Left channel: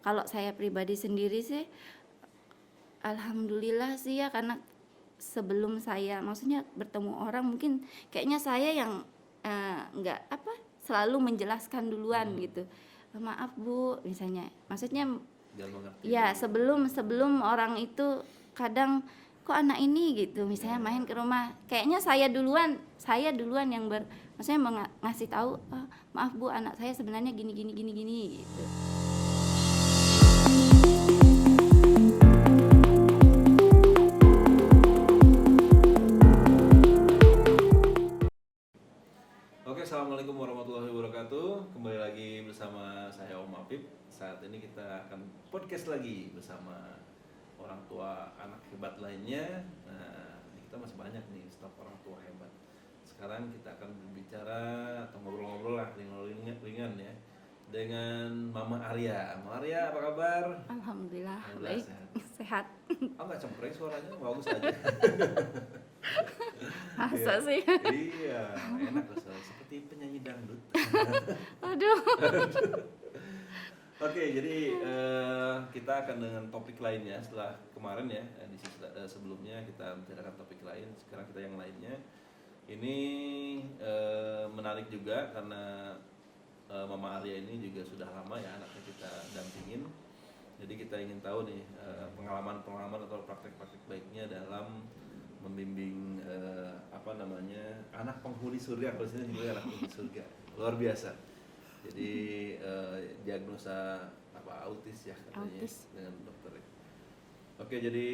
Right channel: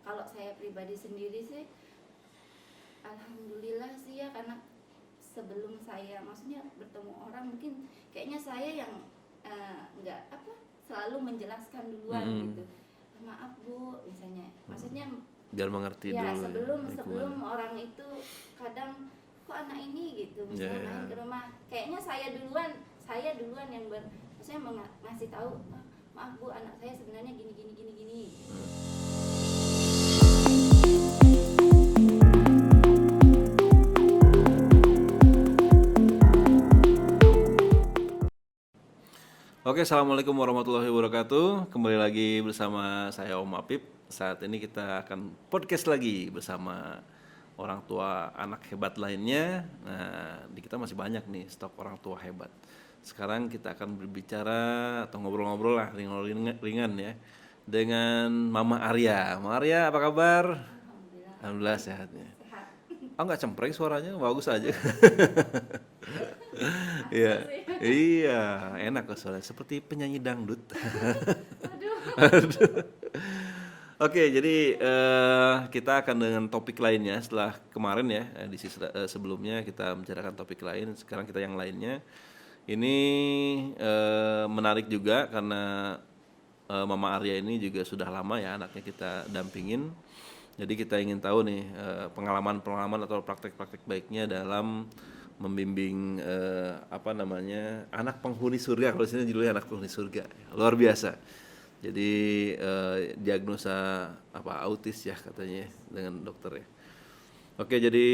Kalau saya pribadi sendiri sih, alhamdulillah sih ya, karena sebelum saya maksudnya bertemu orang mungkin kayaknya saya yang nggak apa selalu menjelaskan duluan gitu. Maaf Bu, misalnya, maksudnya Biar mengerti ya dulu sebelum lingkungan. orang itu kadang kok anak ini gitu, Ya, misalnya main ke ya. rumah, kayaknya saya duluan yang maksudnya ngasih tahu, "Ah, maaf Bu, anak saya sebenarnya gini gini gini gini," gitu. Oke, assalamualaikum warahmatullahi wabarakatuh. Kembali lagi bersama saya Om Apip. Saat ini kita akan podcast lagi bersama orang tua anak hebat lainnya. Nah, di kita masih banyak nih stok orang tua hebat. Sekarang kita akan berbicara atau ngobrol-ngobrol lah ringan ya dengan Mama Arya. Mama Arya, apa kabar? Alhamdulillah Alhamdulillah baik, sehat ya. sehat. Oh, nggak cempreng suaranya, bagus aja. Masa Iya, sih? iya, enak kok suaranya seperti penyanyi dangdut. Aduh. Oke, jadi kita akan dengan topik lainnya setelah kemarin ya di sebelumnya kita membicarakan topik lain. Sekarang kita yang lainnya. Ini menarik juga karena Mama Arya ini juga sudah lama ya anaknya kita dampingin. Jadi kita ingin tahu nih pengalaman-pengalaman atau praktek-praktek baiknya dalam membimbing apa namanya anak penghuni surga. Kalau di sini judulnya anak penghuni surga, luar biasa. Jadi diagnosa apa autis ya katanya Autis. dengan dokter ya. Oke, jadi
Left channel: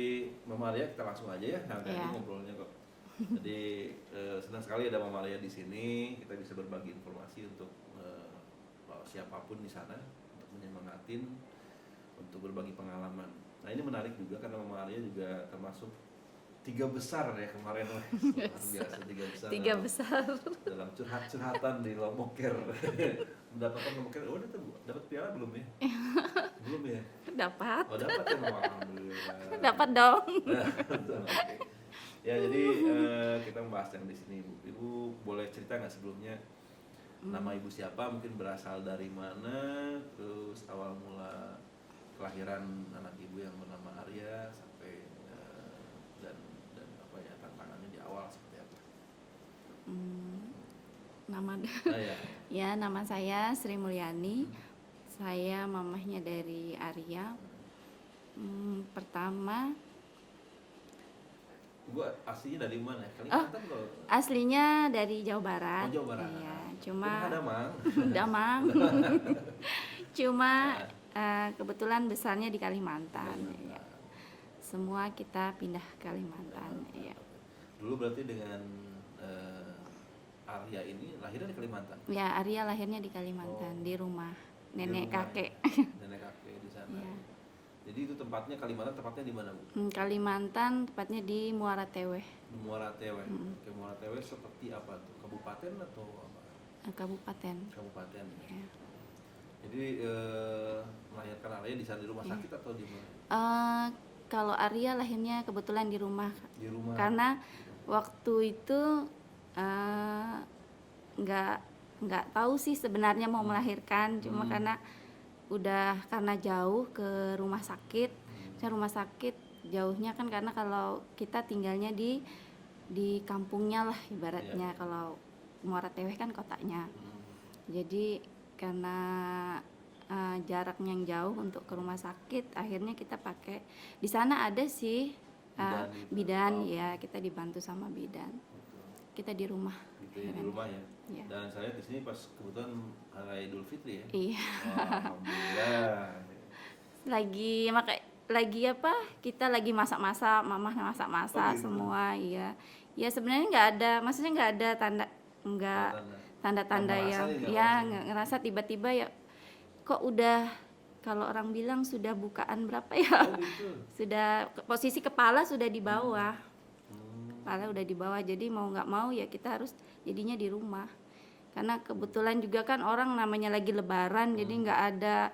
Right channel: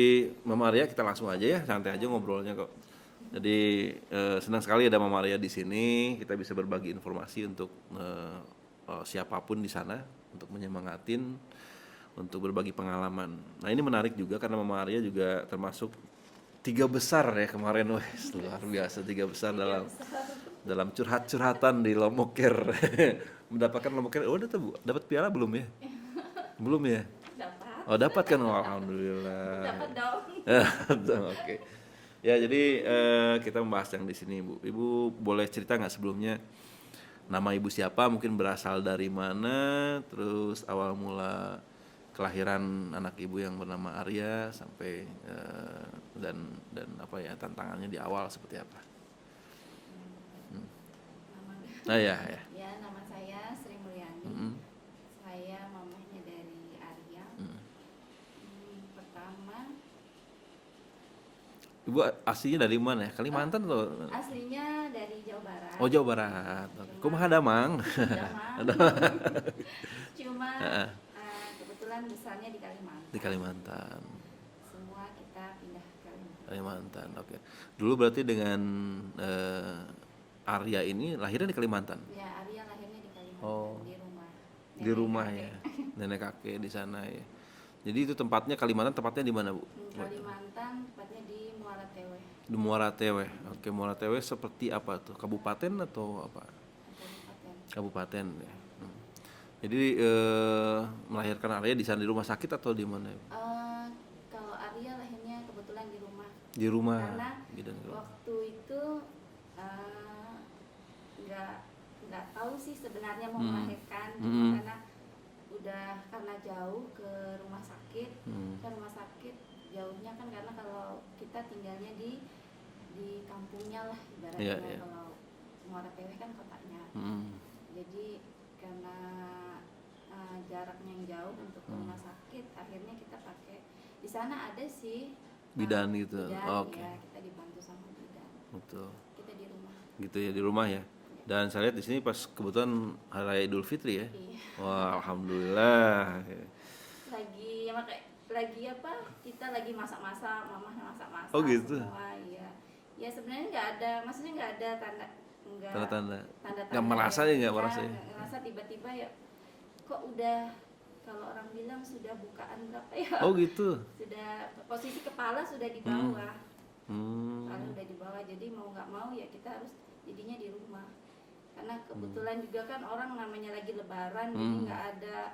Mama Arya kita langsung aja ya, santai aja Ya. ngobrolnya kok. Jadi senang sekali ada Mama Arya di sini. Kita bisa berbagi informasi untuk siapapun di sana untuk menyemangatin, untuk berbagi pengalaman. Nah ini menarik juga karena Mama Arya juga termasuk 3 besar ya kemarin, wes luar biasa 3 besar Tiga besar. dalam curhat-curhatan di Lomoker. Mendapatkan Lomoker. Oh, dapat piala belum ya? Belum ya? Dapat. Oh, dapat kan? Oh, alhamdulillah. Dapat dong. Oke. Ya, jadi kita membahas yang di sini, Bu. Ibu boleh cerita nggak sebelumnya nama Ibu siapa, mungkin berasal dari mana, terus awal mula kelahiran anak Ibu yang bernama Arya sampai dan apa ya tantangannya di awal seperti apa? Nama Ah ya, ya. ya, nama saya Sri Mulyani. Saya mamahnya dari Arya. Pertama, Ibu aslinya dari mana ya? Kalimantan atau? aslinya dari Jawa Barat. Oh, Jawa Barat. Iya, cuma Kumaha Damang? Damang. Cuma kebetulan besarnya di Kalimantan. Di Kalimantan. Semua kita pindah ke Kalimantan. Kalimantan. Iya. Oke. Dulu berarti dengan Arya ini lahirnya di Kalimantan. Ya, Arya lahirnya di Kalimantan, Oh. di rumah Di nenek rumah kakek. ya. Nenek kakek di sana ya. Jadi itu tempatnya Kalimantan, tempatnya di mana, Bu? Kalimantan, tepatnya di Muara Teweh, Di Muara Teweh. Oke, Muara Teweh seperti apa tuh? Kabupaten atau apa? kabupaten. Kabupaten ya. Jadi melahirkan Arya di sana di rumah sakit atau di mana? Kalau Arya lahirnya kebetulan di rumah, Di rumah. karena Bidan. waktu itu eh, nggak tahu sih sebenarnya mau melahirkan, cuma karena jauh ke rumah sakit. Rumah sakit jauhnya kan karena kalau kita tinggalnya di kampungnya lah ibaratnya. Iya, iya. Kalau Muara Teweh kan kotanya. Jadi karena jaraknya yang jauh untuk ke rumah sakit, akhirnya kita pakai di sana ada sih Bidan gitu. bidan. Oh, oke. Ya, kita dibantu sama bidan. Betul. Kita di rumah. Gitu ya, di rumah ya. Iya. Dan saya lihat di sini pas kebetulan hari raya Idul Fitri ya. Iya. Wah, alhamdulillah. Lagi apa? Kita lagi masak-masak, mamah masak-masak. Oh, gitu. Semua. Iya. Ya sebenarnya nggak ada, maksudnya nggak ada tanda-tanda Nggak merasa yang ya, nggak merasa ya? nggak ngerasa tiba-tiba ya kok udah, kalau orang bilang sudah bukaan berapa ya? Oh, gitu. Sudah posisi kepala sudah di bawah. Hmm. Kepala udah di bawah, jadi mau nggak mau ya kita harus jadinya di rumah. Karena kebetulan juga kan orang namanya lagi lebaran, jadi nggak ada,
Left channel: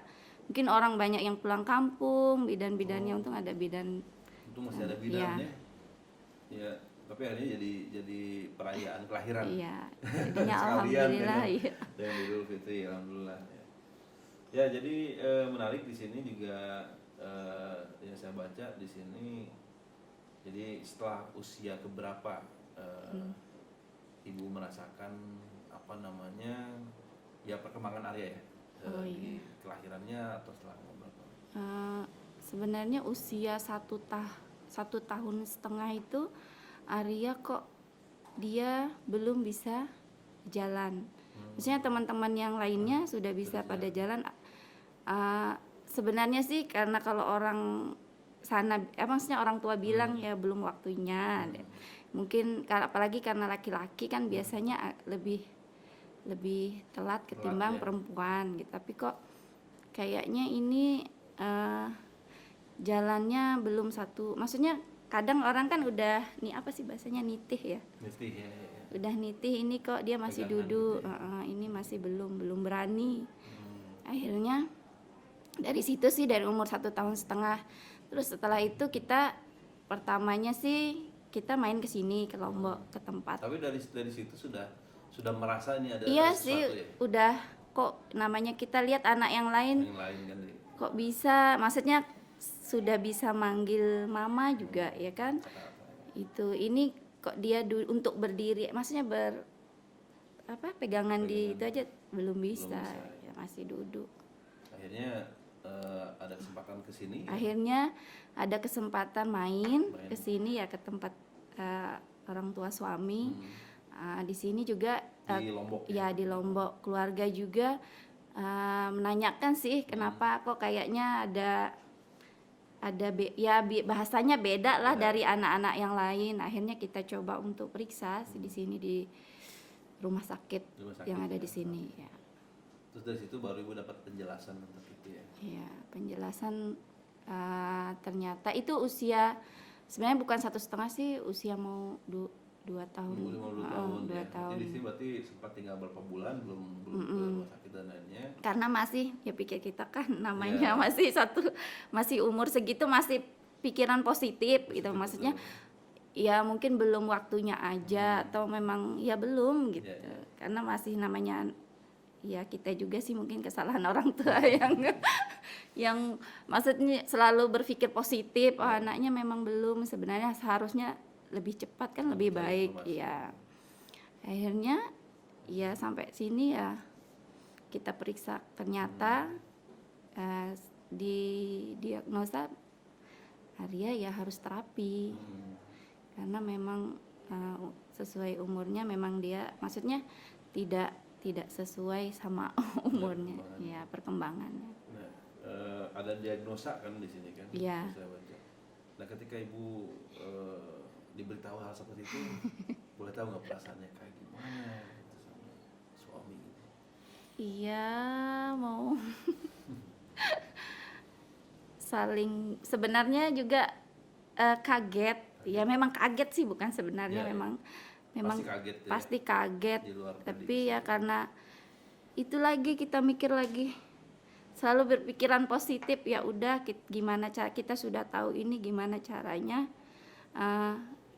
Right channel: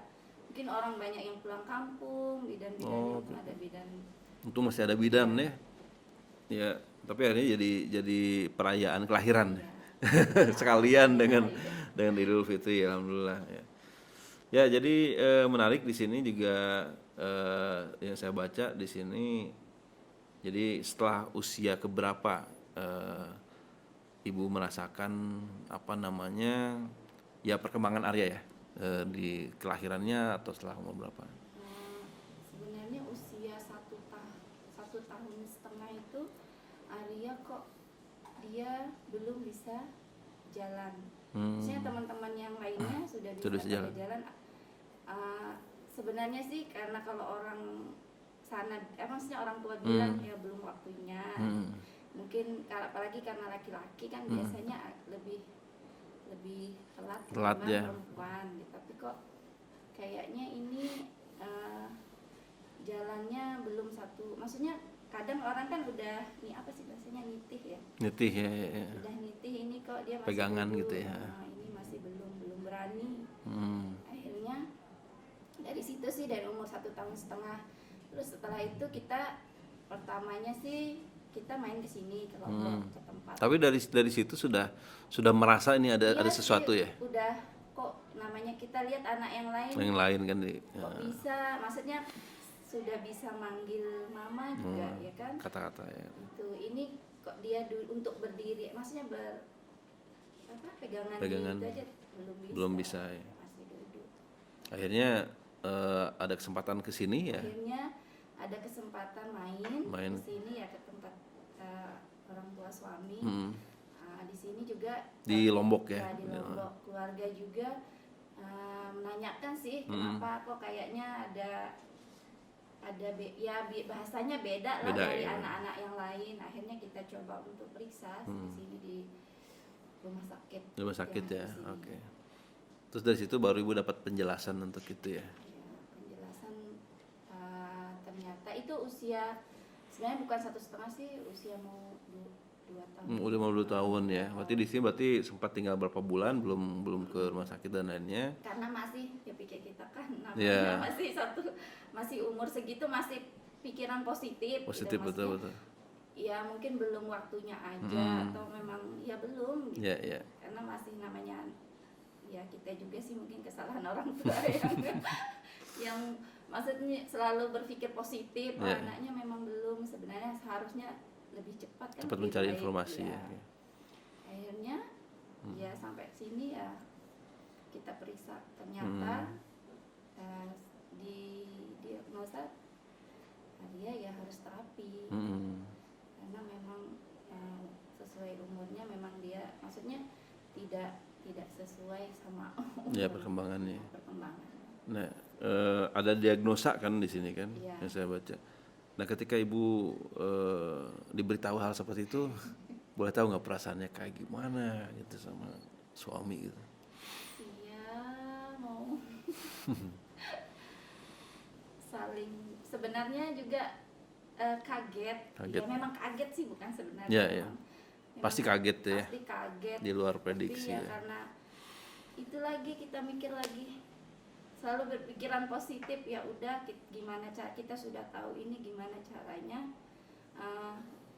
mungkin orang banyak yang pulang kampung, bidan-bidannya untung ada bidan. Untung masih ada bidan Iya. ya. Ya, tapi akhirnya jadi perayaan kelahiran. Iya. Ya, Sekalian alhamdulillah, dengan iya. dengan Idul Fitri, alhamdulillah ya. Ya, jadi menarik di sini juga yang saya baca di sini. Jadi setelah usia keberapa ibu merasakan apa namanya ya perkembangan Arya ya di kelahirannya atau setelah umur berapa? Sebenarnya usia 1,5 tahun itu Arya kok dia belum bisa jalan. Maksudnya teman-teman yang lainnya sudah bisa Sudah pada jalan. Sebenarnya sih karena kalau orang sana, maksudnya orang tua bilang ya belum waktunya. Mungkin apalagi karena laki-laki kan biasanya lebih telat ketimbang ya. perempuan gitu. Tapi kok kayaknya ini jalannya belum satu. Maksudnya kadang orang kan udah apa sih bahasanya nitih ya. Nitih ya. Udah nitih, ini kok dia masih Pegangan duduk. gitu ya. Ini masih belum berani. Akhirnya dari situ sih dari umur 1,5 tahun. Terus setelah itu kita pertamanya sih kita main ke sini ke Lombok ke tempat. Tapi dari situ sudah merasa ini ada sesuatu Sih, ya. udah kok namanya kita lihat anak yang lain Kan kok bisa, maksudnya sudah bisa manggil mama juga ya kan. kata-kata ya. Ini kok dia untuk berdiri, maksudnya pegangan di itu aja belum bisa ya. masih duduk. Akhirnya ada kesempatan ke sini ya. Akhirnya ada kesempatan main ke sini ya ke tempat orang tua suami. Di sini juga di Lombok ya. Ya di Lombok. Keluarga juga menanyakan sih kenapa kok kayaknya bahasanya beda lah dari anak-anak yang lain. Akhirnya kita coba untuk periksa di sini di rumah sakit yang ada di sini. Okay. Ya. Terus dari situ baru ibu dapat penjelasan untuk itu ya. Iya, penjelasan ternyata itu usia sebenarnya bukan 1,5 sih, usia mau 2 tahun. Udah mau 2 tahun ya. 2 Berarti di sini sempat tinggal berapa bulan belum ke rumah sakit dan lainnya. Karena masih ya pikir kita kan namanya masih umur segitu masih pikiran positif gitu maksudnya. Betul. Ya mungkin belum waktunya aja atau memang ya belum gitu. Karena masih namanya ya kita juga sih mungkin kesalahan orang tua yang maksudnya selalu berpikir positif. Anaknya memang belum, sebenarnya seharusnya lebih cepat kan lebih baik ya. Akhirnya ya sampai sini ya kita periksa ternyata di diagnosa Arya ya harus terapi. Karena memang sesuai umurnya memang dia maksudnya tidak sesuai sama umurnya, perkembangannya. Nah, ada diagnosa kan di sini kan, yang saya baca. Nah, ketika ibu diberitahu hal seperti itu, boleh tahu nggak perasaannya kayak gimana itu sama suami gitu? Iya, mau saling sebenarnya juga kaget. Ya memang kaget sih, bukan sebenarnya memang pasti kaget ya. Pasti kaget. Di luar prediksi. Tapi ya karena itu lagi kita mikir lagi, selalu berpikiran positif. Ya udah, gimana cara kita sudah tahu ini gimana caranya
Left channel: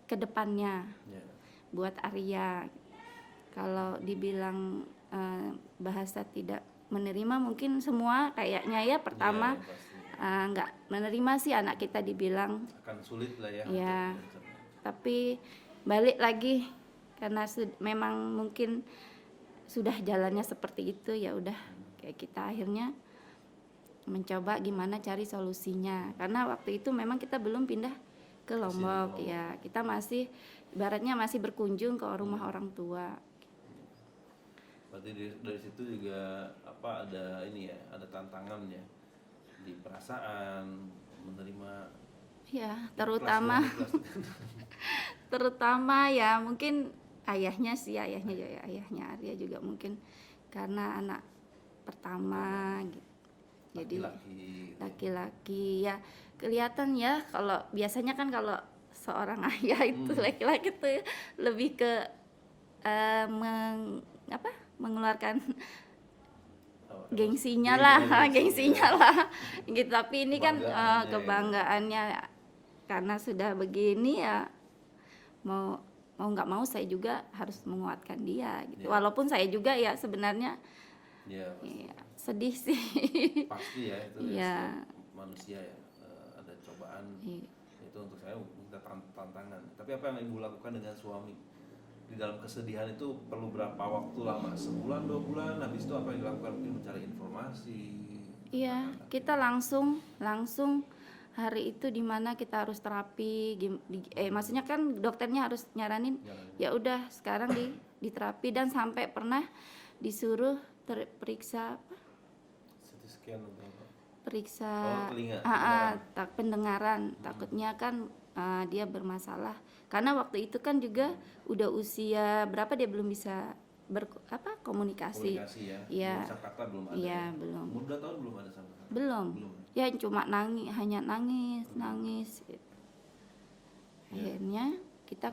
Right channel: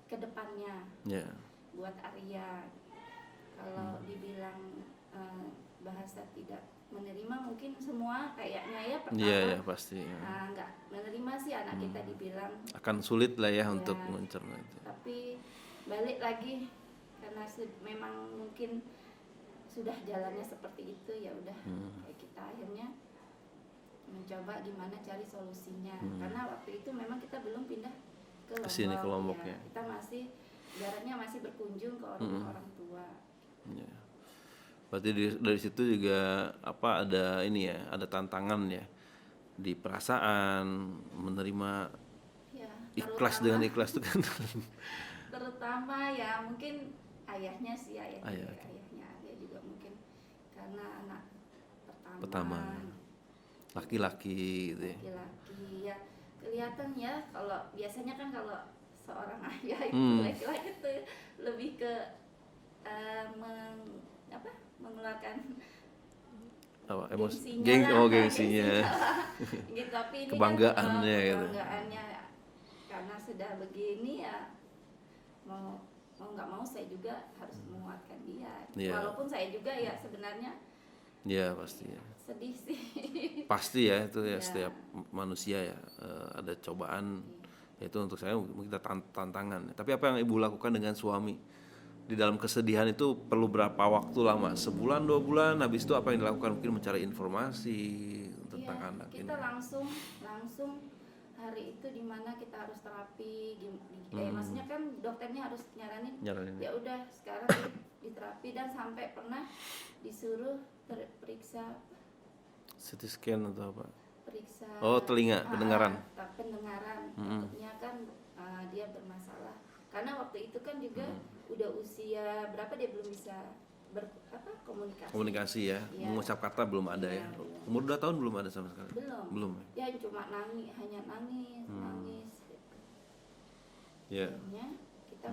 ke depannya buat Arya. Kalau dibilang bahasa tidak menerima mungkin semua kayaknya ya pertama nggak menerima sih anak kita dibilang akan sulit lah ya untuk mencerna. Tapi balik lagi karena memang mungkin sudah jalannya seperti itu, ya udah kayak kita akhirnya mencoba gimana cari solusinya. Karena waktu itu memang kita belum pindah ke Lombok ya. Kita masih ibaratnya masih berkunjung ke rumah orang tua. Berarti dari situ juga ada ini ya, ada tantangan ya di perasaan menerima ya, terutama ikhlas itu kan. Terutama ya mungkin ayahnya Arya juga mungkin karena anak pertama gitu. Laki-laki gitu laki-laki ya kelihatan ya. Kalau biasanya kan kalau seorang ayah itu laki-laki itu lebih ke mengeluarkan gengsinya lah gitu. Tapi ini kan kebanggaannya karena sudah begini ya mau nggak mau saya juga harus menguatkan dia gitu. Walaupun saya juga ya sebenarnya pasti sedih sih. Pasti ya itu ya Iya. setiap manusia ya ada cobaan. Iya. Itu untuk saya mungkin kita tantangan. Tapi apa yang ibu lakukan dengan suami di dalam kesedihan itu perlu berapa waktu lama? Sebulan, 2 bulan? Habis itu apa yang dilakukan? Mungkin mencari informasi Iya, tentang anak kita ini. langsung hari itu di mana kita harus terapi, maksudnya kan dokternya harus nyaranin, Nyaranin. ya udah sekarang diterapi, dan sampai pernah disuruh periksa CT scan atau apa? periksa Oh, telinga, pendengaran. pendengaran. Takutnya kan dia bermasalah karena waktu itu kan juga udah usia berapa dia belum bisa komunikasi. Komunikasi ya. Iya. Mengucap kata belum ada Iya, ya. belum. Umur 2 tahun belum ada sama sekali. Belum. Belum. Ya cuma hanya nangis. Ya. Akhirnya kita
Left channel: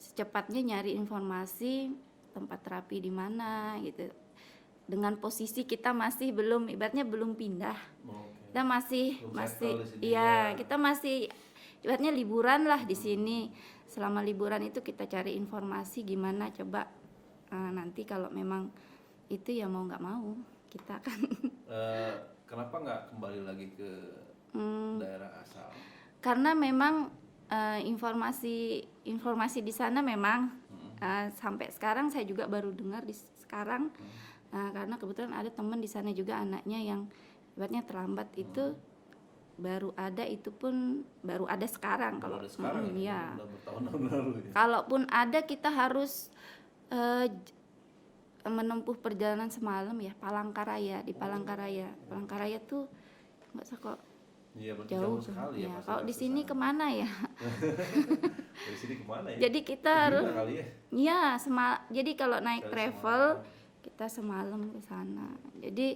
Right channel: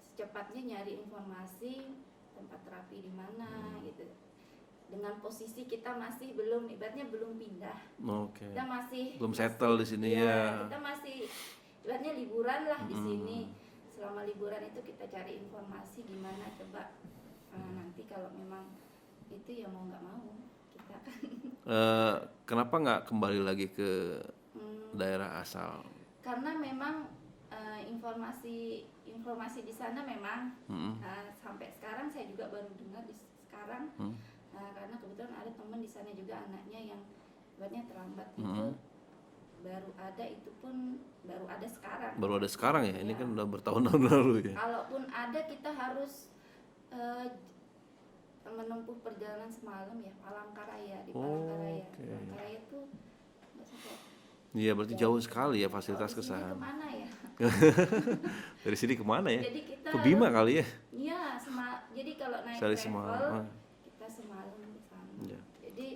secepatnya nyari informasi tempat terapi di mana gitu. Dengan posisi kita masih belum, ibaratnya belum pindah. Oke. Kita masih Belum settle di sini iya, ya. kita masih ibaratnya liburan lah di sini. Selama liburan itu kita cari informasi gimana, coba nanti kalau memang itu ya mau nggak mau kita kan. Kenapa nggak kembali lagi ke daerah asal? Karena memang informasi di sana memang sampai sekarang saya juga baru dengar sekarang. Karena kebetulan ada teman di sana juga anaknya yang ibaratnya terlambat itu baru ada, itu pun baru ada sekarang. Baru ada sekarang ya? Ini Iya. kan udah bertahun-tahun lalu ya. Kalaupun ada kita harus menempuh perjalanan semalam ya, Palangkaraya, di Palangkaraya. oke. Palangkaraya tuh nggak usah kok. Iya, berarti jauh sekali ya Kalau fasilitas di sini kesana. kemana ya? Dari sini kemana ya? Jadi kita Ke Bima kali ya? Iya, jadi kalau naik Cari travel semalam. kita semalam ke sana. Jadi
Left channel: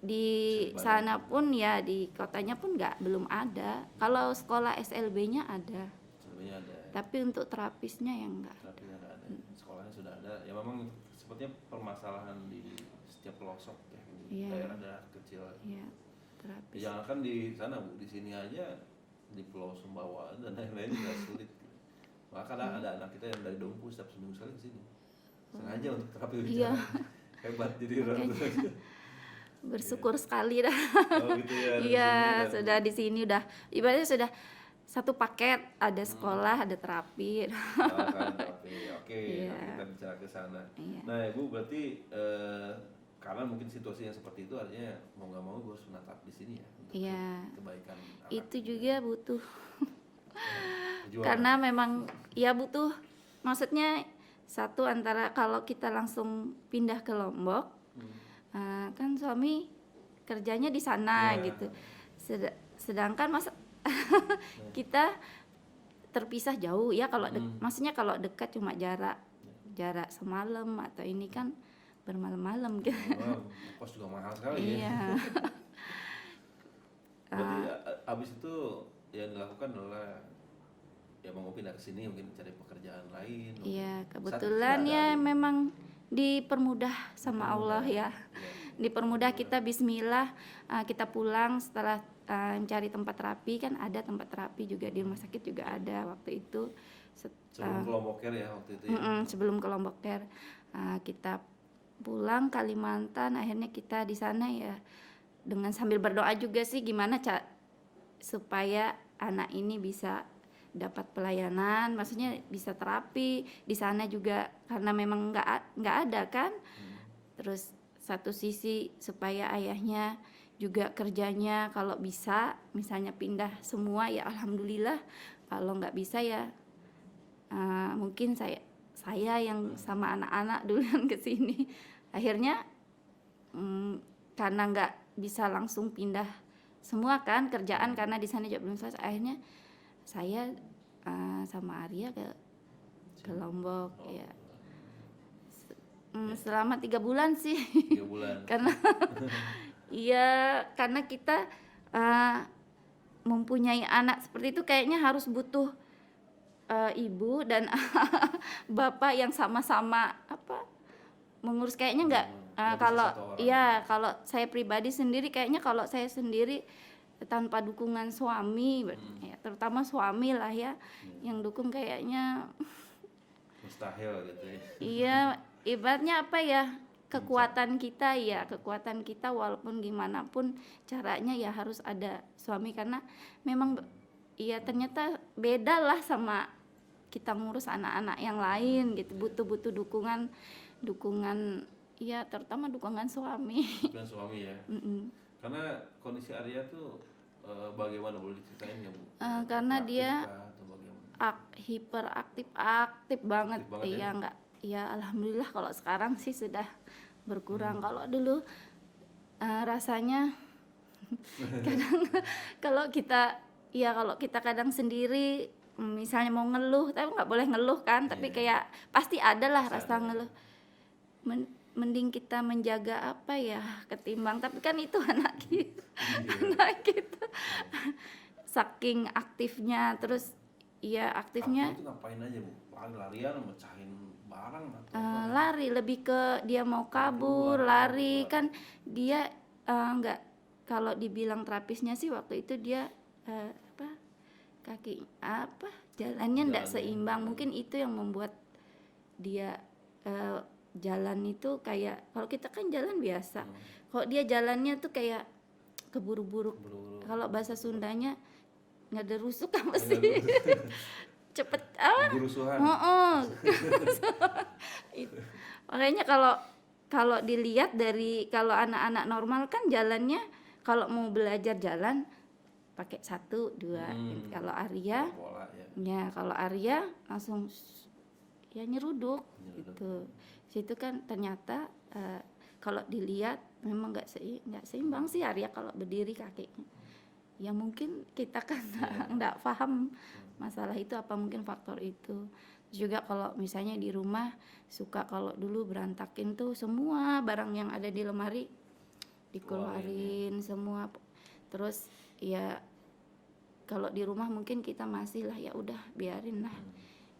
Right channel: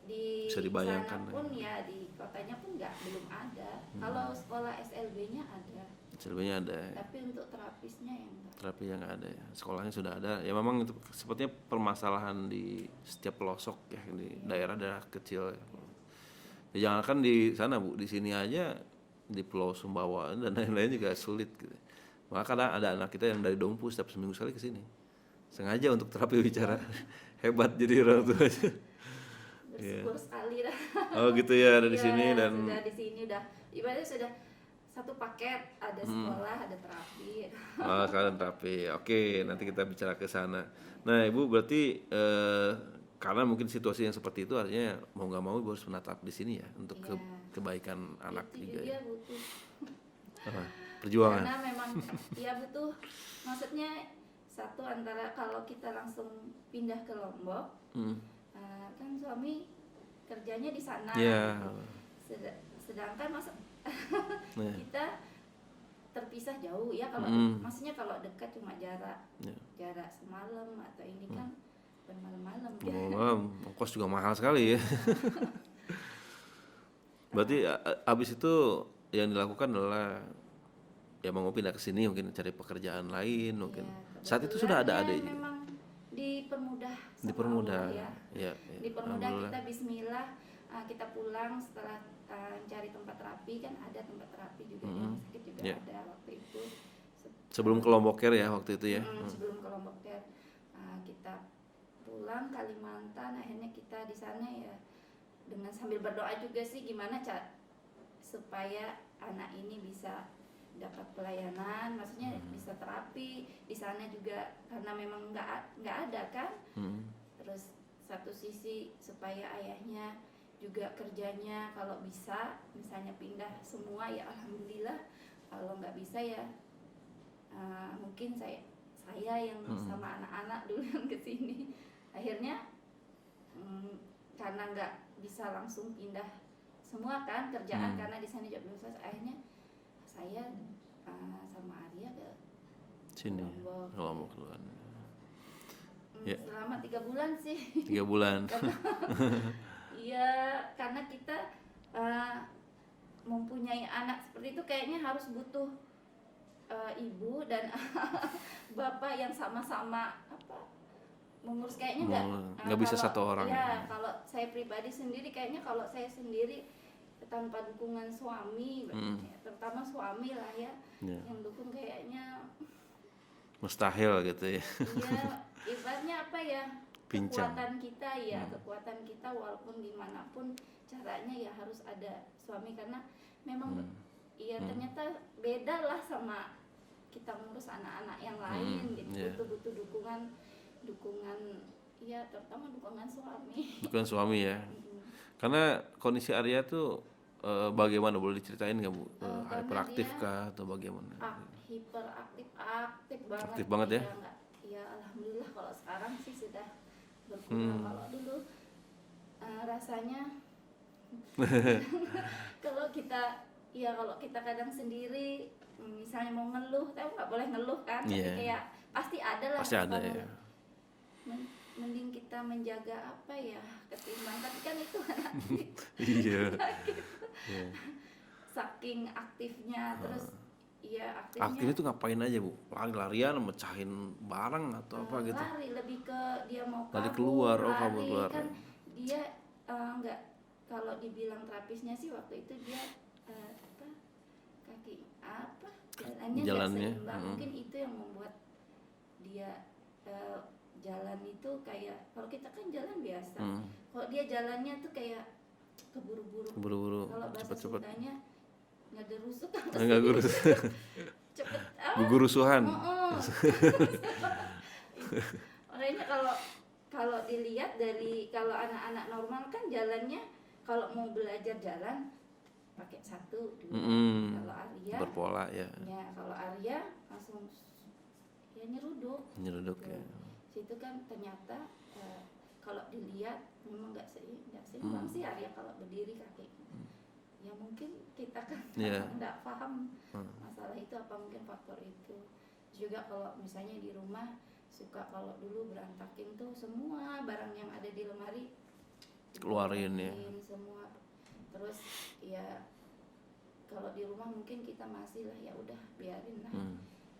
di Bisa dibayangkan sana pun ya di kotanya pun belum ada. Kalau sekolah SLB-nya ada, Selebihnya ada ya. tapi untuk terapisnya yang enggak. Terapi yang nggak ada ya. Sekolahnya sudah ada. Ya memang itu sepertinya permasalahan di setiap pelosok ya di daerah-daerah kecil. Ya. Iya. terapi. Ya, jangankan di sana Bu, di sini aja di Pulau Sumbawa dan lain-lain juga sulit gitu. Maka ada anak kita yang dari Dompu setiap seminggu sekali ke sini. Sengaja untuk terapi bicara. Hebat jadi orang tua. Bersyukur sekali dah. Oh gitu ya, ada di Iya, sini dan sudah di sini udah ibaratnya sudah satu paket, ada sekolah, ada terapi. kalian terapi. Oke, nanti kita bicara ke sana. Nah, Ibu berarti karena mungkin situasi yang seperti itu artinya mau nggak mau Ibu harus menatap di sini ya untuk kebaikan anak. Itu juga butuh Perjuangan. karena memang ya butuh, maksudnya satu antara kalau kita langsung pindah ke Lombok kan suami kerjanya di sana Ya. gitu. Sedangkan kita terpisah jauh ya, kalau maksudnya kalau dekat cuma jarak semalam atau ini kan bermalam-malam gitu. Oh, ongkos juga mahal sekali ya. Iya. Berarti abis itu yang dilakukan adalah ya mau pindah ke sini mungkin cari pekerjaan lain mungkin. Iya, Saat itu kebetulan sudah ada ya adik. memang dipermudah sama Allah ya. Iya, Dipermudah kita bismillah, kita pulang setelah mencari tempat terapi, kan ada tempat terapi juga di rumah sakit juga ada waktu itu. Sebelum ke Lombok Care ya waktu itu ya. Sebelum ke Lombok Care, kita pulang Kalimantan, akhirnya kita di sana ya dengan sambil berdoa juga sih gimana supaya anak ini bisa dapat pelayanan, maksudnya bisa terapi di sana juga karena memang nggak ada kan. Terus satu sisi supaya ayahnya juga kerjanya kalau bisa misalnya pindah semua ya alhamdulillah, kalau nggak bisa ya mungkin saya yang sama anak-anak duluan ke sini. Akhirnya karena nggak bisa langsung pindah semua kan kerjaan karena di sana juga belum selesai, akhirnya saya sama Arya ke Lombok. Oh, Ya. Ya. Selama 3 bulan sih. 3 bulan. Karena iya, karena kita mempunyai anak seperti itu kayaknya harus butuh ibu dan bapak yang sama-sama mengurus, kayaknya nggak bisa kalau satu orang. iya, kalau saya pribadi sendiri kayaknya kalau saya sendiri tanpa dukungan suami ya, terutama suami lah ya yang dukung, kayaknya Mustahil gitu ya. iya, ibaratnya apa ya, kekuatan kita ya, kekuatan kita walaupun gimana pun caranya ya harus ada suami, karena memang ya ternyata beda lah sama kita ngurus anak-anak yang lain gitu. Butuh dukungan ya, terutama dukungan suami. Bukan suami ya. Karena kondisi Arya tuh bagaimana, boleh diceritain nggak Bu? Karena Hyperaktif dia kah atau bagaimana? hiperaktif banget. Aktif banget ya? Iya, enggak. Ya alhamdulillah kalau sekarang sih sudah berkurang. Kalau dulu rasanya kalau kita kadang sendiri misalnya mau ngeluh, tapi nggak boleh ngeluh kan, tapi kayak pasti ada lah Pasti rasa ada, ngeluh. Mending kita menjaga apa ya ketimbang, tapi kan itu anak kita, anak kita. Saking aktifnya, terus ya aktifnya Aktifnya tuh ngapain aja Bu? Lari-larian, mecahin barang atau apa gitu? lari, lebih ke dia mau Lari kabur, keluar, lari keluar. kan dia nggak, kalau dibilang terapisnya sih waktu itu dia jalannya nggak seimbang. Mungkin itu yang membuat dia jalan itu kayak, kalau kita kan jalan biasa, kalau dia jalannya tuh kayak keburu-buru. Kalau bahasa Sundanya ngederusuk apa sih? Cepet Gugurusuhan. Makanya kalau dilihat dari, kalau anak-anak normal kan jalannya kalau mau belajar jalan pakai 1, 2. Kalau Arya Berpola ya. ya, kalau Arya langsung ya nyeruduk Nyeruduk. tuh. Situ kan ternyata kalau dilihat memang nggak seimbang sih Arya kalau berdiri kakinya. Ya mungkin kita kan nggak paham masalah itu, apa mungkin faktor itu. Juga kalau misalnya di rumah suka, kalau dulu berantakin tuh semua barang yang ada di lemari dikeluarin semua. Terus ya kalau di rumah mungkin kita masih lah, ya udah biarin lah.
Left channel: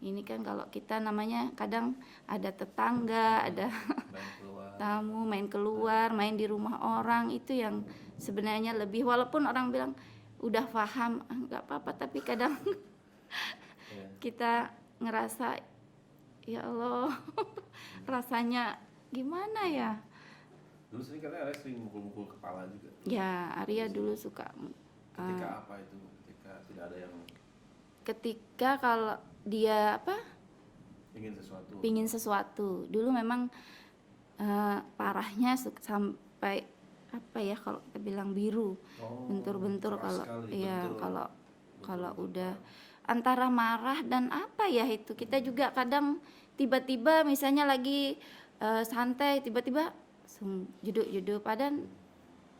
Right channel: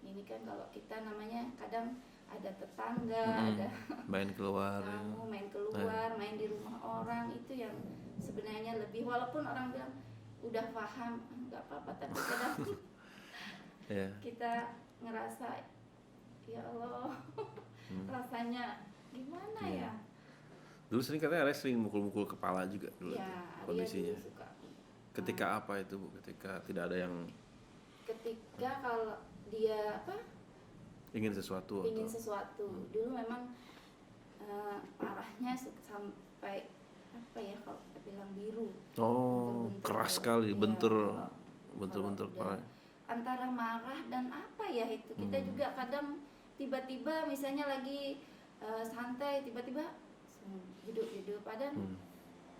Ini kan kalau kita namanya kadang ada tetangga, ada main keluar, tamu, main keluar, main di rumah orang, itu yang sebenarnya lebih, walaupun orang bilang udah paham nggak apa-apa, tapi kadang kita ngerasa ya Allah rasanya gimana ya. Dulu sering katanya Arya sering mukul-mukul kepala juga dulu. Ya Arya dulu suka. Ketika apa itu Bu? Ketika tidak ada yang, ketika kalau dia ingin sesuatu. pingin sesuatu. Dulu memang parahnya sampai apa ya, kalau kita bilang biru, bentur-bentur. Keras sekali, kalau udah antara marah dan apa ya itu, kita juga kadang tiba-tiba misalnya lagi santai, tiba-tiba jeduk-jeduk padahal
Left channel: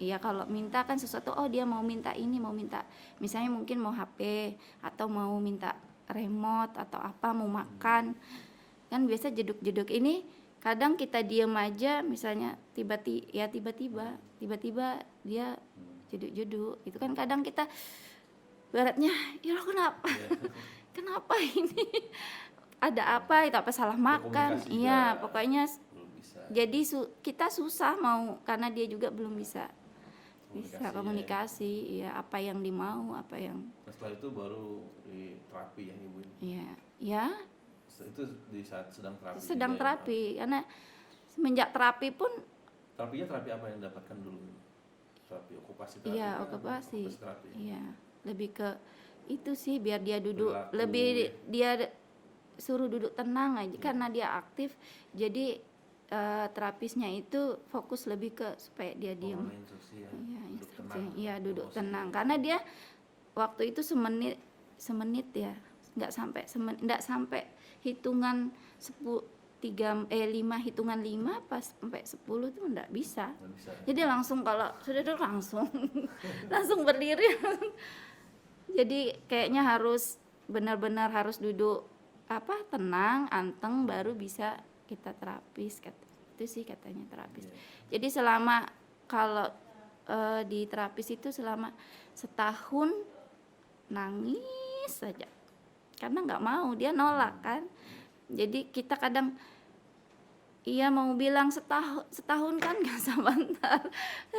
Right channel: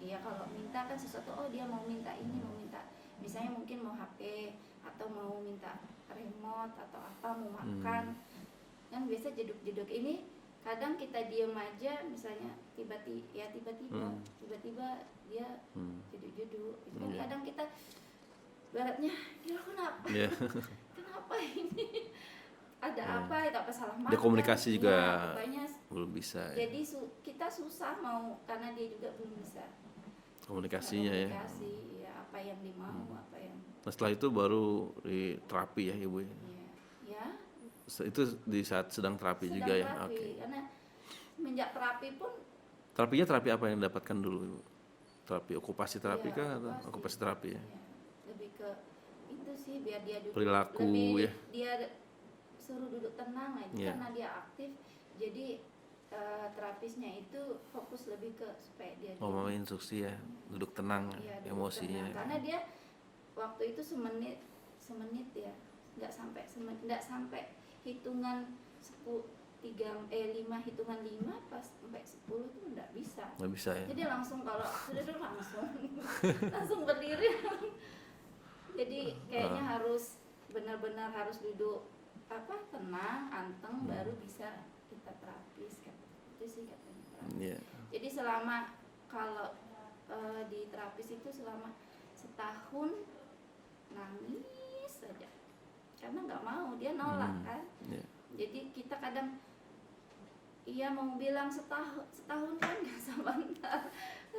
ya kalau minta kan sesuatu, dia mau minta ini, mau minta misalnya mungkin mau HP atau mau minta remote atau apa, mau makan kan biasa jeduk-jeduk ini. Kadang kita diem aja, misalnya tiba-tiba dia jeduk-jeduk. Itu kan kadang kita baratnya, ya Allah kenapa? Kenapa ini? Ada apa? Itu apa salah makan? Komunikasi juga. Ya, pokoknya belum bisa. Jadi kita susah mau, karena dia juga belum bisa komunikasi ya, apa yang dimau, apa yang. Nah, setelah itu baru di terapi ya Ibu? Ya. Itu di saat sedang terapi juga ya? Sedang terapi, karena semenjak terapi pun. Terapinya terapi apa yang dapatkan dulu? Terapi okupasi terapi ya, kan? Okupasi terapi ya? Iya, lebih ke itu sih, biar dia duduk. Perilaku, lebih dia suruh duduk tenang aja, karena dia aktif. Jadi terapisnya itu fokus lebih ke supaya dia diam. Instruksi ya, duduk tenang. Iya, duduk emosi tenang. ya. Karena dia waktu itu semenit ya, nggak sampai hitungan 5 hitungan 5 pas sampai 10 tuh nggak bisa. Nggak bisa ya. Jadi langsung, kalau sudah tuh langsung berdiri. Jadi kayaknya harus benar-benar harus duduk tenang, anteng, baru bisa kita terapis. Itu sih katanya terapis. Jadi selama kalau di terapis itu selama setahun nangis saja, karena nggak mau, dia nolak kan. Jadi kita kadang mau bilang setahun kan nggak sebentar,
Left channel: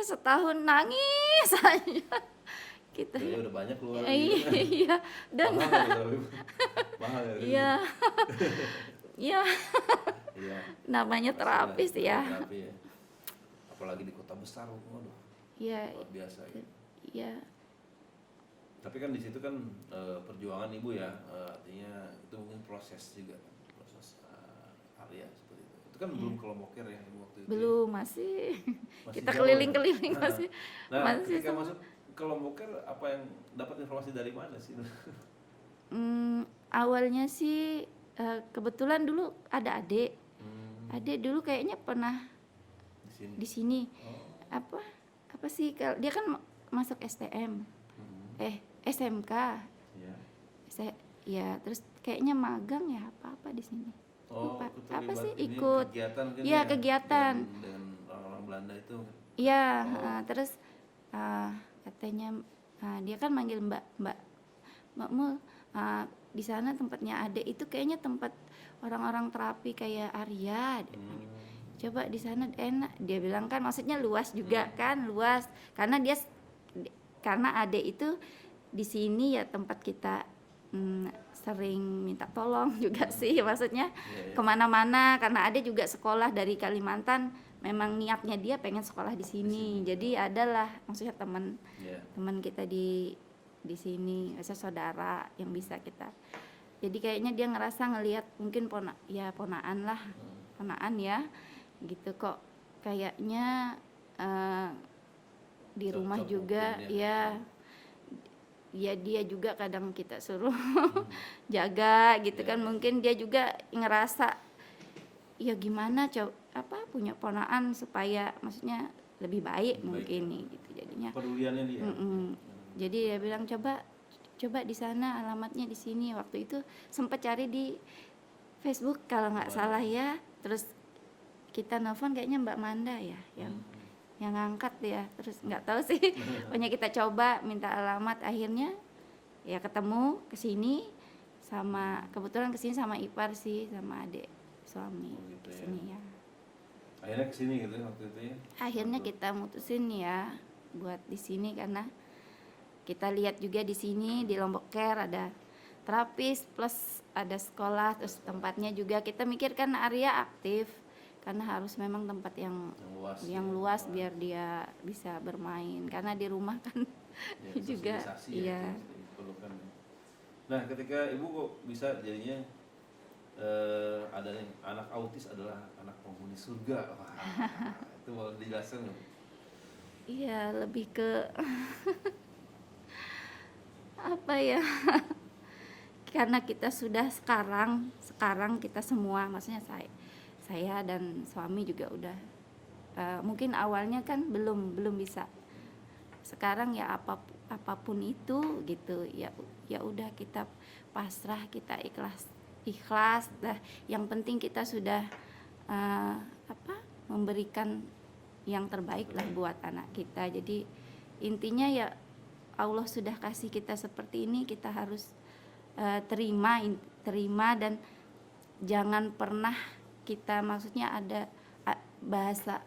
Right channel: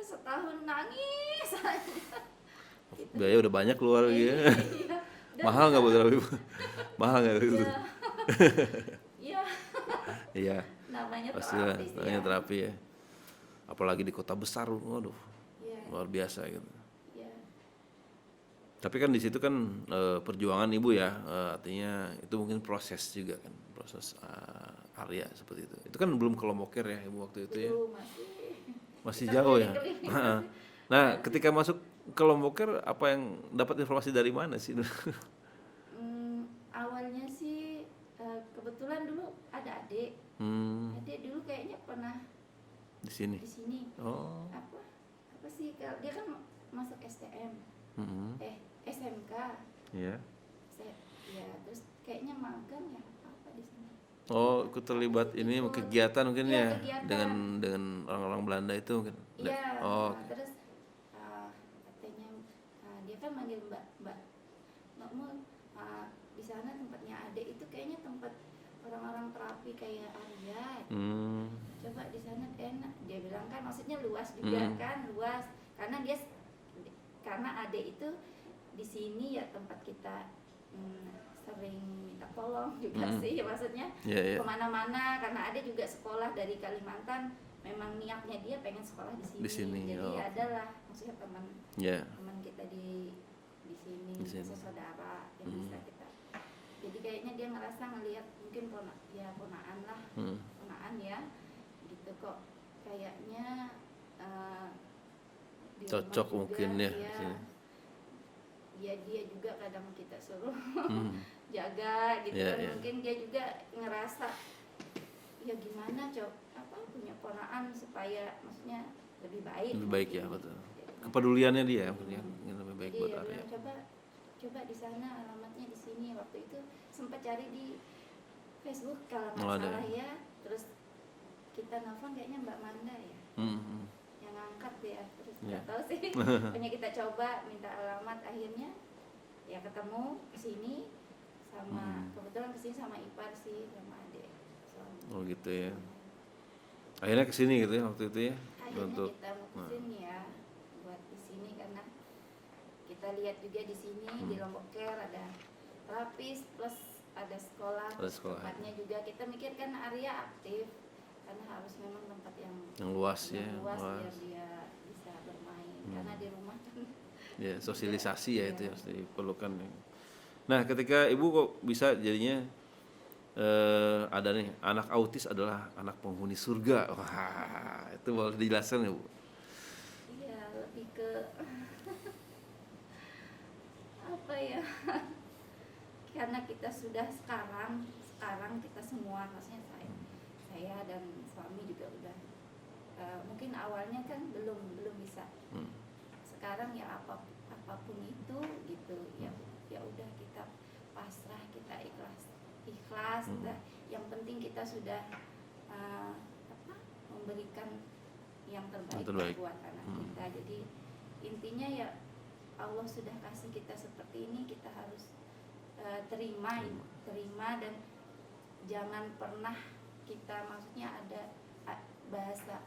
setahun nangis saja. Biaya udah banyak keluar Iya. mahal nggak Bu terapi? Mahal nggak? Iya. Iya, Iya, namanya pastilah, terapis ya. terapi ya. Apalagi di kota besar, waduh, Iya, luar biasa gitu. iya. Tapi kan di situ kan perjuangan ibu ya, artinya itu mungkin proses juga kan, proses Arya seperti itu. Itu kan belum ke Lombokir ya ibu waktu itu ya, Belum, masih masih kita jauh ya. keliling-keliling masih Nah, masih. ketika masuk ke Lombokir, apa yang dapat informasi dari mana sih? Awalnya sih kebetulan dulu ada adik. Hmm, Adik dulu kayaknya pernah di sini. di sini. Oh, Apa apa sih kalau dia kan masuk STM. SMK. iya. Ya, terus kayaknya magang ya apa-apa di sini. Oh, Apa terlibat sih, ini ikut. kegiatan mungkin Iya, ya, kegiatan. dengan orang-orang Belanda itu mungkin. Iya, Oh, terus katanya dia kan manggil Mbak Mul, di sana tempatnya Ade itu kayaknya tempat orang-orang terapi kayak Arya. hmm, Coba di sana enak. Dia bilang kan maksudnya luas juga kan, luas. Karena Ade itu di sini ya tempat kita sering minta tolong juga sih, maksudnya iya, iya. kemana-mana, karena Ade juga sekolah dari Kalimantan, memang niatnya dia pengen sekolah di sini, sini, jadi oh. adalah maksudnya teman Iya. kita di sini, biasa saudara yang bisa kita, jadi kayaknya dia ngerasa ngelihat mungkin ponaan lah, ponaan ya gitu kok kayaknya di rumah Cocok juga mungkin ya. Ya dia juga kadang kita suruh jaga gitu Iya, kan, iya. mungkin dia juga ngerasa ya gimana punya ponaan supaya maksudnya lebih baik Lebih baik ya, mungkin betul. gitu jadinya. Kepeduliannya dia mungkin yang lebih baik Jadi buat dia Arya. bilang coba di sana, alamatnya di sini. Waktu itu sempat cari di Facebook kalau nggak Oh, ada. salah ya, terus kita nelfon kayaknya Mbak Manda ya yang ngangkat ya, terus nggak tahu sih pokoknya kita coba minta alamat, akhirnya ya ketemu kesini sama kebetulan kesini sama ipar sih, sama adik suami. Oh, gitu ya. Kesini ya. Akhirnya kesini gitu ya waktu itu ya. Akhirnya Untuk- kita mutusin ya buat di sini karena kita lihat juga di sini di Lombok Care ada terapis plus ada sekolah, terus sekolah. tempatnya juga kita mikir kan Arya aktif karena harus memang tempat yang luas ya. luas biar dia bisa bermain, karena di rumah kan Ya, juga, sosialisasi ya, iya. itu yang diperlukan ya. Nah, ketika ibu kok bisa jadinya ada nih anak autis adalah anak penghuni surga. Wah, itu boleh dijelaskan ya, Bu? Iya, lebih ke apa ya? Karena kita sudah sekarang kita semua, maksudnya saya dan suami juga udah mungkin awalnya kan belum bisa. Sekarang ya apapun itu gitu ya udah kita pasrah, kita ikhlas dah. Yang penting kita sudah memberikan yang terbaik lah buat anak kita. Jadi intinya ya Allah sudah kasih kita seperti ini, kita harus terima dan jangan pernah kita, maksudnya ada bahasa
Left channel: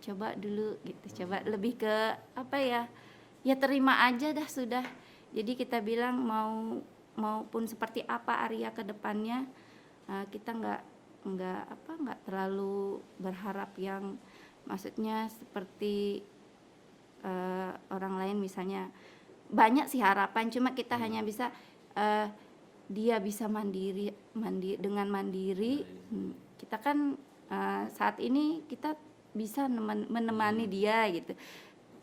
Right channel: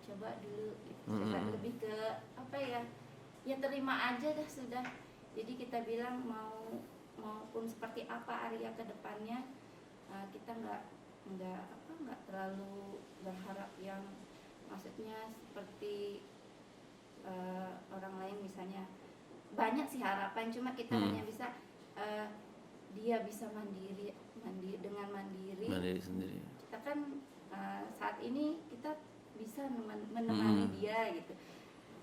coba dulu gitu, coba lebih ke apa ya terima aja dah sudah. Jadi kita bilang maupun seperti apa Arya ke depannya, kita nggak terlalu berharap yang maksudnya seperti orang lain, misalnya banyak sih harapan, cuma kita hanya bisa dia bisa mandiri dengan mandiri sendiri. kita kan saat ini kita bisa menemani dia gitu.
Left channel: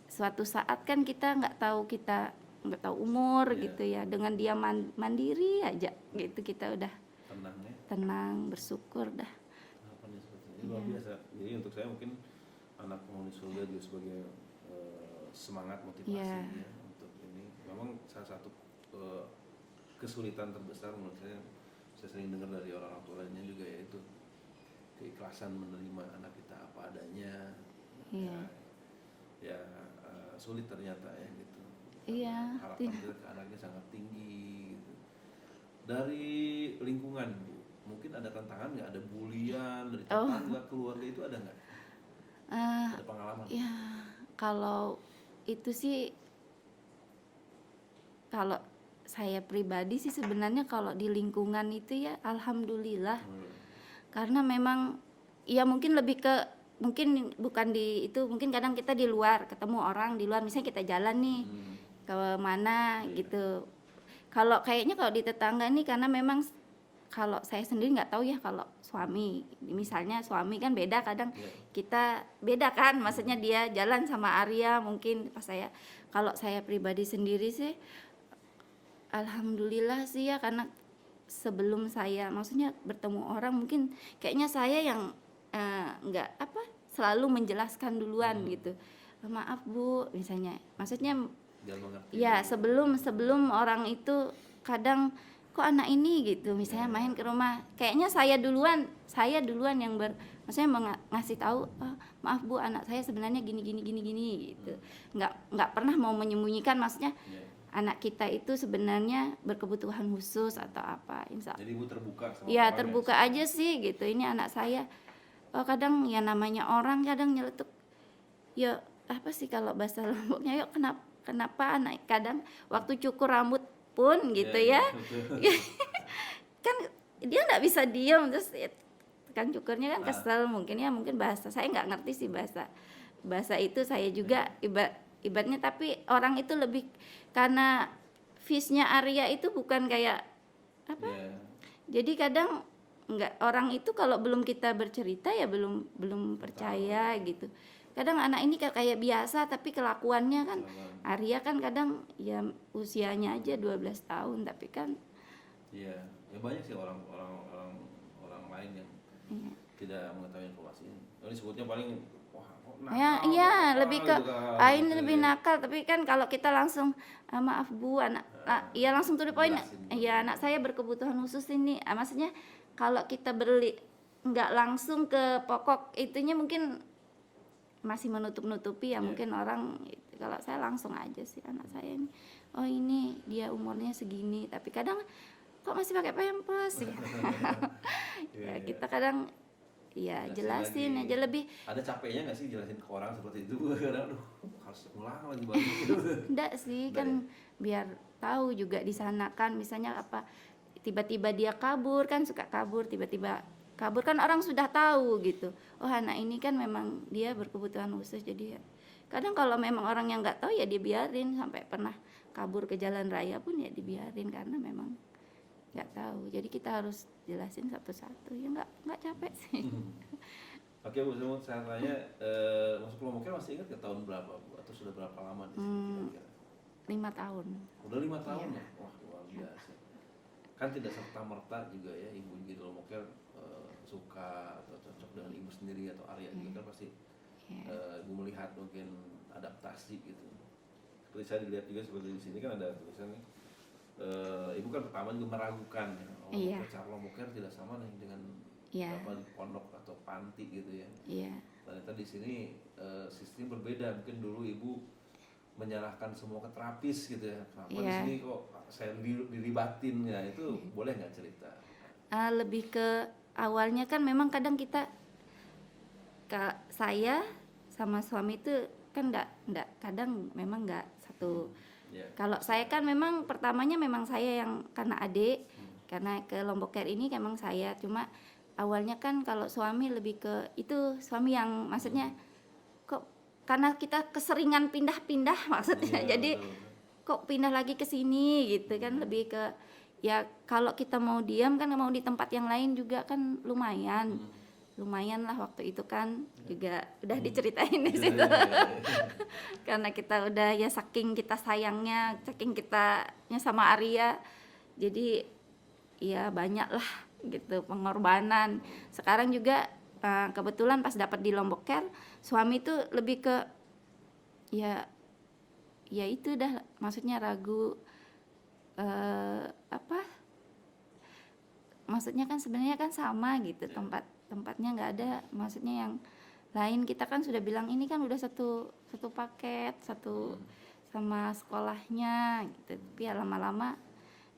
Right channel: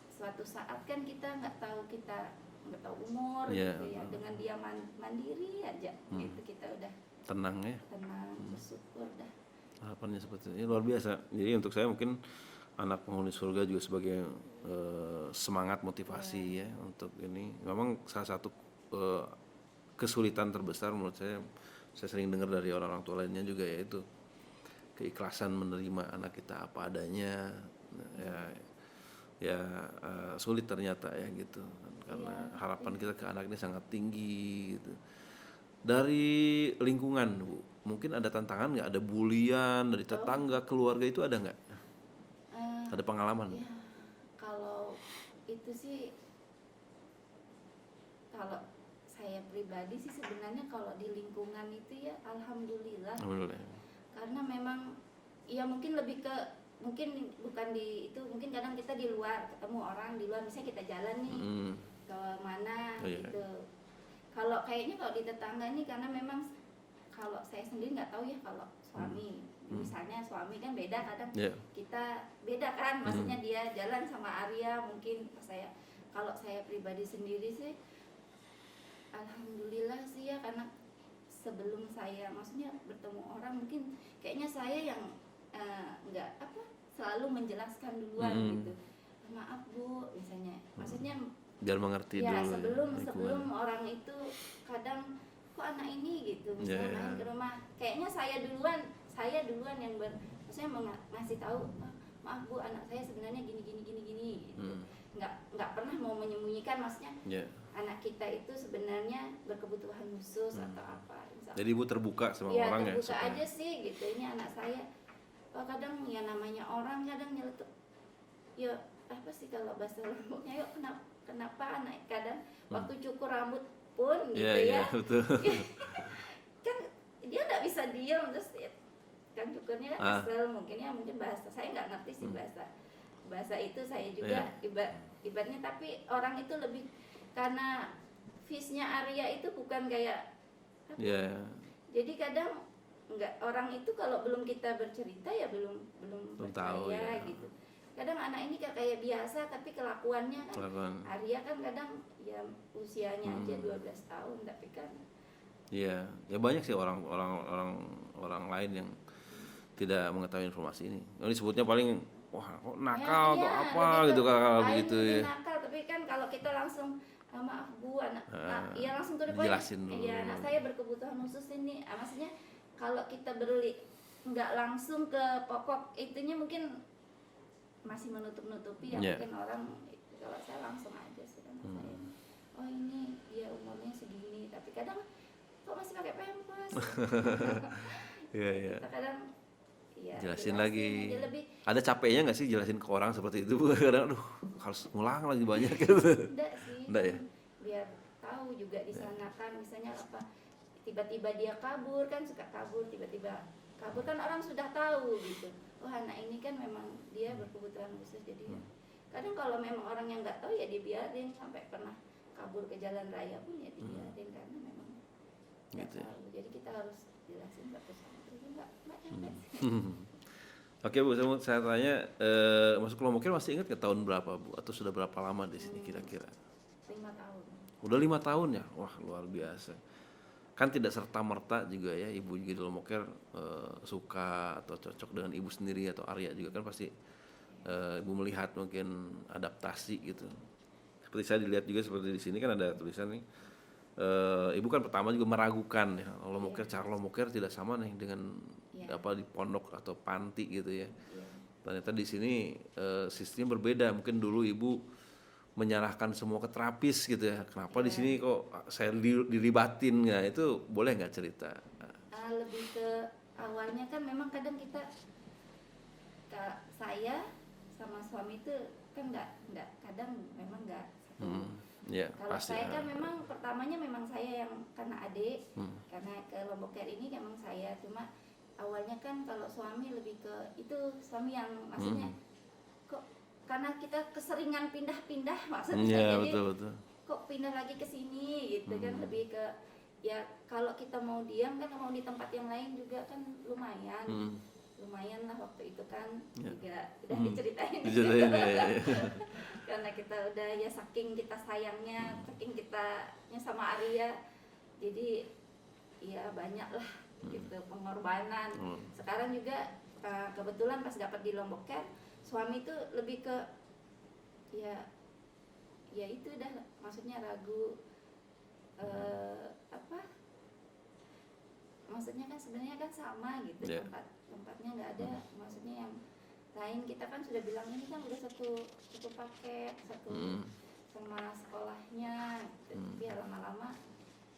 Suatu saat kan kita nggak tahu umur gitu ya, dengan dia mandiri aja gitu kita udah tenang bersyukur dah. Harapannya seperti itu. Luar biasa. Jadi untuk saya mungkin anak penghuni surga juga sebagai semangat motivasi ya untuk ini. Memang salah satu kesulitan terbesar menurut saya sering dengar dari orang-orang tua lainnya juga, yaitu keikhlasan menerima anak kita apa adanya. Sulit ternyata ya gitu, karena harapan kita ke anak ini sangat tinggi gitu. Dari lingkungan, Bu, mungkin ada tantangan nggak? Ada bulian dari tetangga, keluarga, itu ada nggak? Ada pengalaman? Ya kalau itu sih, kalau saya pribadi sih sebenarnya kalau di lingkungan itu ya alhamdulillah. Alhamdulillah. Karena memang ya mungkin lebih ke mungkin bukan di itu, mungkin kadang kita di luar ketemu orang di luar, misalnya kita jalan nih ke mana Oh, iya. gitu. Kalau kayaknya kalau di tetangga nih karena memang kalau saya sendiri nggak tahu ya kalau suami, misalnya suami kan beda kadang Iya. kita beda kan, maksudnya dia jalan sama Arya mungkin pas saya, kalau saya pribadi sendiri sih alhamdulillah sih ya, karena sebelum saya maksudnya bertemu orang mungkin kayaknya saya yang nggak apa selalu menjelaskan duluan gitu, maaf Bu misalnya, maksudnya Biar mengerti ya dulu sebelum orang itu kadang kok anak ini gitu misalnya Ya. main ke rumah, kayaknya saya duluan yang maksudnya ngasih tahu, "Oh, maaf Bu anak saya sebenarnya gini gitu." Nggak pernah mau menyembunyikan, maksudnya Ya. anak kita itu sebenarnya berkebutuhan khusus atau apa, insya Jadi Ibu terbuka sama ya orang terbuka ya, aja sih gitu, ini anak saya. Kadang ya namanya orang kadang nyeletuk ya apa sih kalau bahasa Lomboknya, yuk kenapa anak kadang waktu cukur rambut pun gitu Iya, ya, betul. kan dia nggak bisa diem, terus kan cukurnya kan Ah. kesel mungkin ya, mungkin bahasa saya nggak ngerti sih bahasa itu saya juga ibaratnya, tapi orang itu lebih karena fish-nya Arya itu bukan kayak apa, Ya. jadi kadang nggak, orang itu kalau belum kita bercerita ya belum percaya ya. gitu. Kadang anak ini kayak biasa tapi kelakuannya kan Kelakuan. Arya kan kadang ya usianya aja 12 tahun tapi kan Iya, ya banyak sih orang lain yang tidak mengetahui informasi ini. Ini sebutnya paling wah kok nakal ya kok iya apa lebih ke gitu kalau lain begitu lebih ya. nakal, tapi kan kalau kita langsung maaf Bu anak ya langsung to the point, jelasin dulu. ya anak saya berkebutuhan khusus ini. Maksudnya kalau kita beli nggak langsung ke pokok itunya mungkin masih menutup-nutupi ya, Iya. mungkin orang kalau saya langsung aja sih anak saya ini, oh ini dia umurnya segini tapi kadang kok masih pakai pampers. Iya, iya. Kita kadang ya jelasin aja lebih. Ada capeknya nggak sih jelasin ke orang seperti itu? Kadang aduh harus ngulang lagi banyak gitu. Enggak sih, Enggak kan ya? biar tahu juga di sana kan, misalnya apa tiba-tiba dia kabur, kan suka kabur tiba-tiba kabur kan orang sudah tahu gitu, oh anak ini kan memang dia berkebutuhan khusus, jadi ya kadang kalau memang orang yang nggak tahu ya dibiarin, sampai pernah kabur ke jalan raya pun ya dibiarin karena memang nggak tahu, jadi kita harus jelasin satu-satu ya, nggak capek sih. Oke Bu, saya tanya, masuk kelompoknya masih ingat ke tahun berapa Bu? Atau sudah berapa lama di sini kira-kira? 5 tahun. Udah 5 tahun ya? Wah luar biasa. Kan tidak serta-merta juga ya Ibu juga di Lomboknya suka atau cocok dengan Ibu sendiri atau Arya juga kan pasti Ibu melihat mungkin adaptasi gitu. Seperti saya dilihat juga seperti di sini kan ada tulisan nih, Ibu kan pertama juga meragukan ya, Lomboknya cara Lomboknya tidak sama nih dengan apa di pondok atau panti gitu ya. Iya. Ternyata di sini sistemnya berbeda. Mungkin dulu Ibu menyerahkan semua ke terapis gitu ya. Kenapa di sini kok saya dilibatin ya? Itu boleh nggak cerita? Lebih ke awalnya kan memang kadang kita saya sama suami itu kan nggak kadang memang nggak satu. Kalau saya kan memang pertamanya memang saya yang karena adik, karena ke Lombok Care ini memang saya, cuma awalnya kan kalau suami lebih ke itu suami yang maksudnya kok karena kita keseringan pindah-pindah maksudnya, jadi betul. kok pindah lagi ke sini gitu kan, lebih ke ya kalau kita mau diam kan mau di tempat yang lain juga kan lumayan lah waktu itu kan juga udah diceritain di situ. Karena kita udah ya saking kita sayangnya, saking kitanya sama Arya, jadi ya banyak lah gitu pengorbanan. Sekarang juga kebetulan pas dapat di Lombok Care, suami tuh lebih ke ya itu dah, maksudnya ragu apa, maksudnya kan sebenarnya kan sama gitu, tempatnya nggak ada, maksudnya yang lain kita kan sudah bilang ini kan udah satu paket sama sekolahnya gitu. Tapi ya lama-lama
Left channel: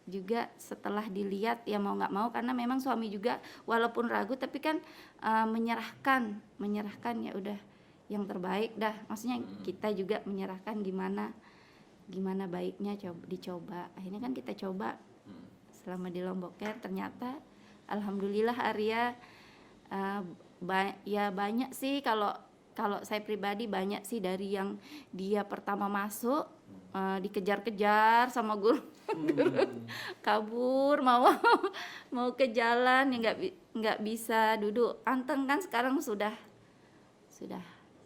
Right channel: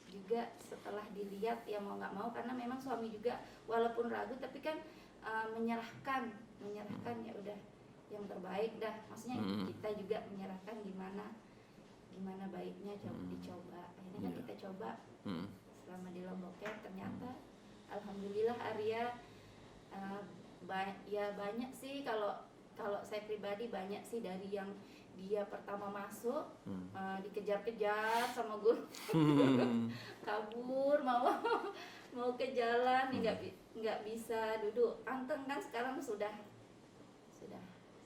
juga setelah dilihat ya mau nggak mau, karena memang suami juga walaupun ragu tapi kan menyerahkan ya udah yang terbaik dah, maksudnya kita juga menyerahkan gimana gimana baiknya dicoba. Akhirnya kan kita coba selama di Lombok Care, ternyata alhamdulillah Arya ya banyak sih, kalau saya pribadi banyak sih dari yang dia pertama masuk dikejar-kejar sama guru kabur mau ke jalan ya nggak bisa duduk anteng, kan sekarang sudah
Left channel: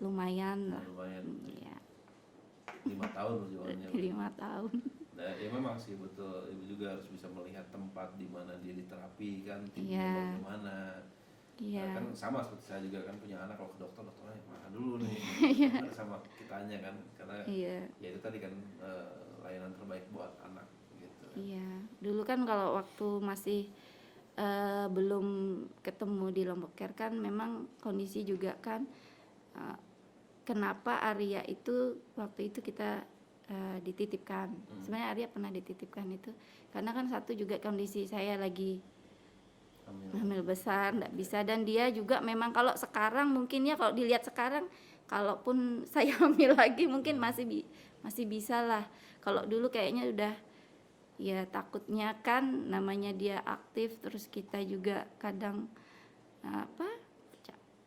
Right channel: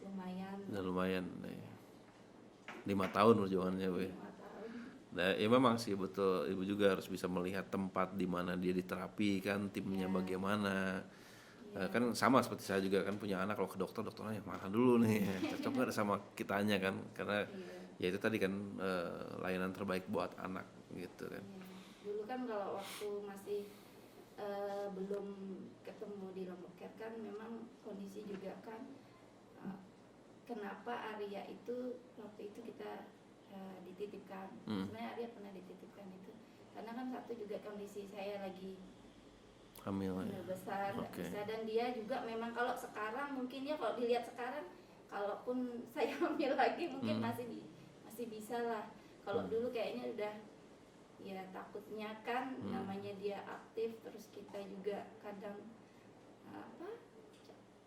lumayan Nah, lah. lumayan Ya, 5 tahun perjuangannya, Bu. 5 tahun. Nah, ya memang sih betul, Ibu juga harus bisa melihat tempat di mana dia diterapi kan, timnya Iya. bagaimana. Iya. Kan sama seperti saya juga kan punya anak, kalau ke dokternya mana dulu nih, coba ada sama kitanya kan, karena Iya. ya itu tadi kan layanan terbaik buat anak gitu kan. Iya, dulu kan kalau waktu masih belum ketemu di Lombok Care kan memang kondisi juga kan kenapa Arya itu waktu itu kita dititipkan. Sebenarnya Arya pernah dititipkan itu karena kan satu juga kondisi saya lagi hamil besar, nggak bisa, dan dia juga memang kalau sekarang mungkin ya kalau dilihat sekarang kalaupun saya hamil lagi mungkin masih bisa lah. Kalau dulu kayaknya udah ya takutnya kan namanya dia aktif, terus kita juga kadang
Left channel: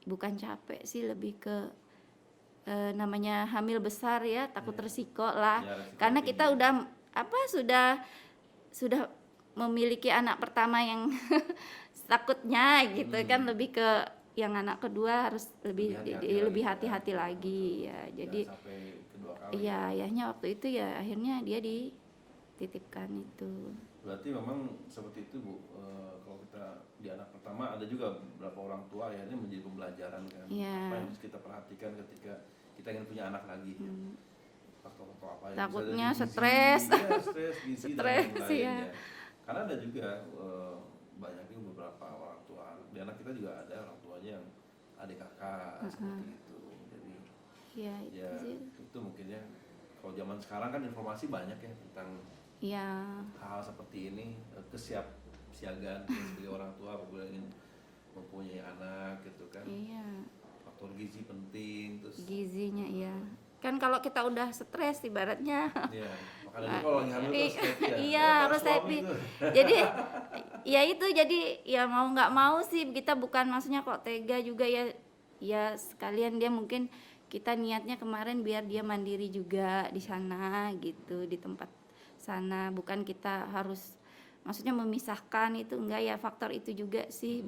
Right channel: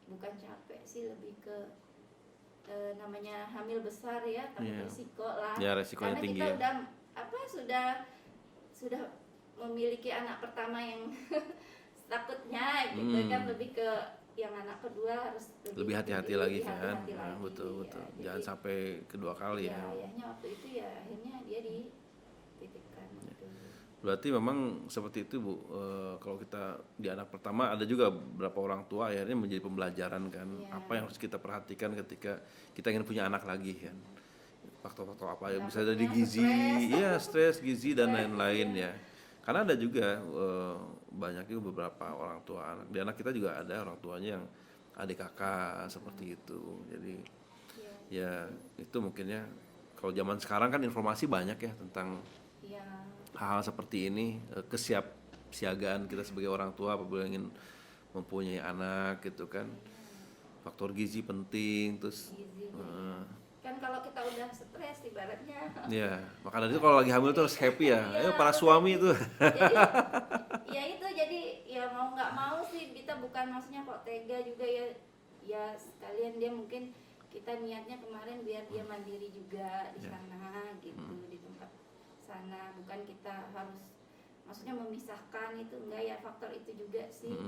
bukan capek sih, lebih ke namanya hamil besar ya, takut resiko lah Ya, karena tinggi kita ya. udah sudah memiliki anak pertama yang takutnya gitu kan, lebih ke yang anak kedua harus lebih hati-hati lagi, betul. ya. Jangan Jadi sampai kedua kali ya ya. ayahnya waktu itu ya akhirnya dia dititipkan itu. Berarti memang seperti itu, Bu. Kalau kita di anak pertama ada juga beberapa orang tua akhirnya menjadi pembelajaran kan, apa yang harus kita perhatikan ketika kita ingin punya anak lagi ya. Faktor-faktor apa ya, bisa dari Takutnya gizi, stres, gizi dan lain-lain ya. Karena ada juga banyak juga beberapa orang tua anak. Di anak kita juga ada orang tuanya yang adik kakak seperti itu. Jadi ya itu mungkin ya, kalau zaman sekarang kan informasi banyak ya tentang hal-hal seperti ini, kesiapsiagaan kita sebagai orang tua apabila ingin mempunyai anak gitu kan. Faktor gizi penting, terus gizinya ya. Kan kalau kita udah stres ibaratnya. Iya, makanya itu kalau lagi hamil tuh harus happy ya. Iya, Para harus suami happy. tuh. Jadi ya itu, jadi ya mau nggak mau sih kita bukan maksudnya kok tega juga ya. Ya sekalian dia mungkin kita niatnya kemarin biar dia mandiri juga di sana gitu, di tempat sana, bukan kita harus maksudnya memisahkan itu, enggak ya, faktor itu juga sih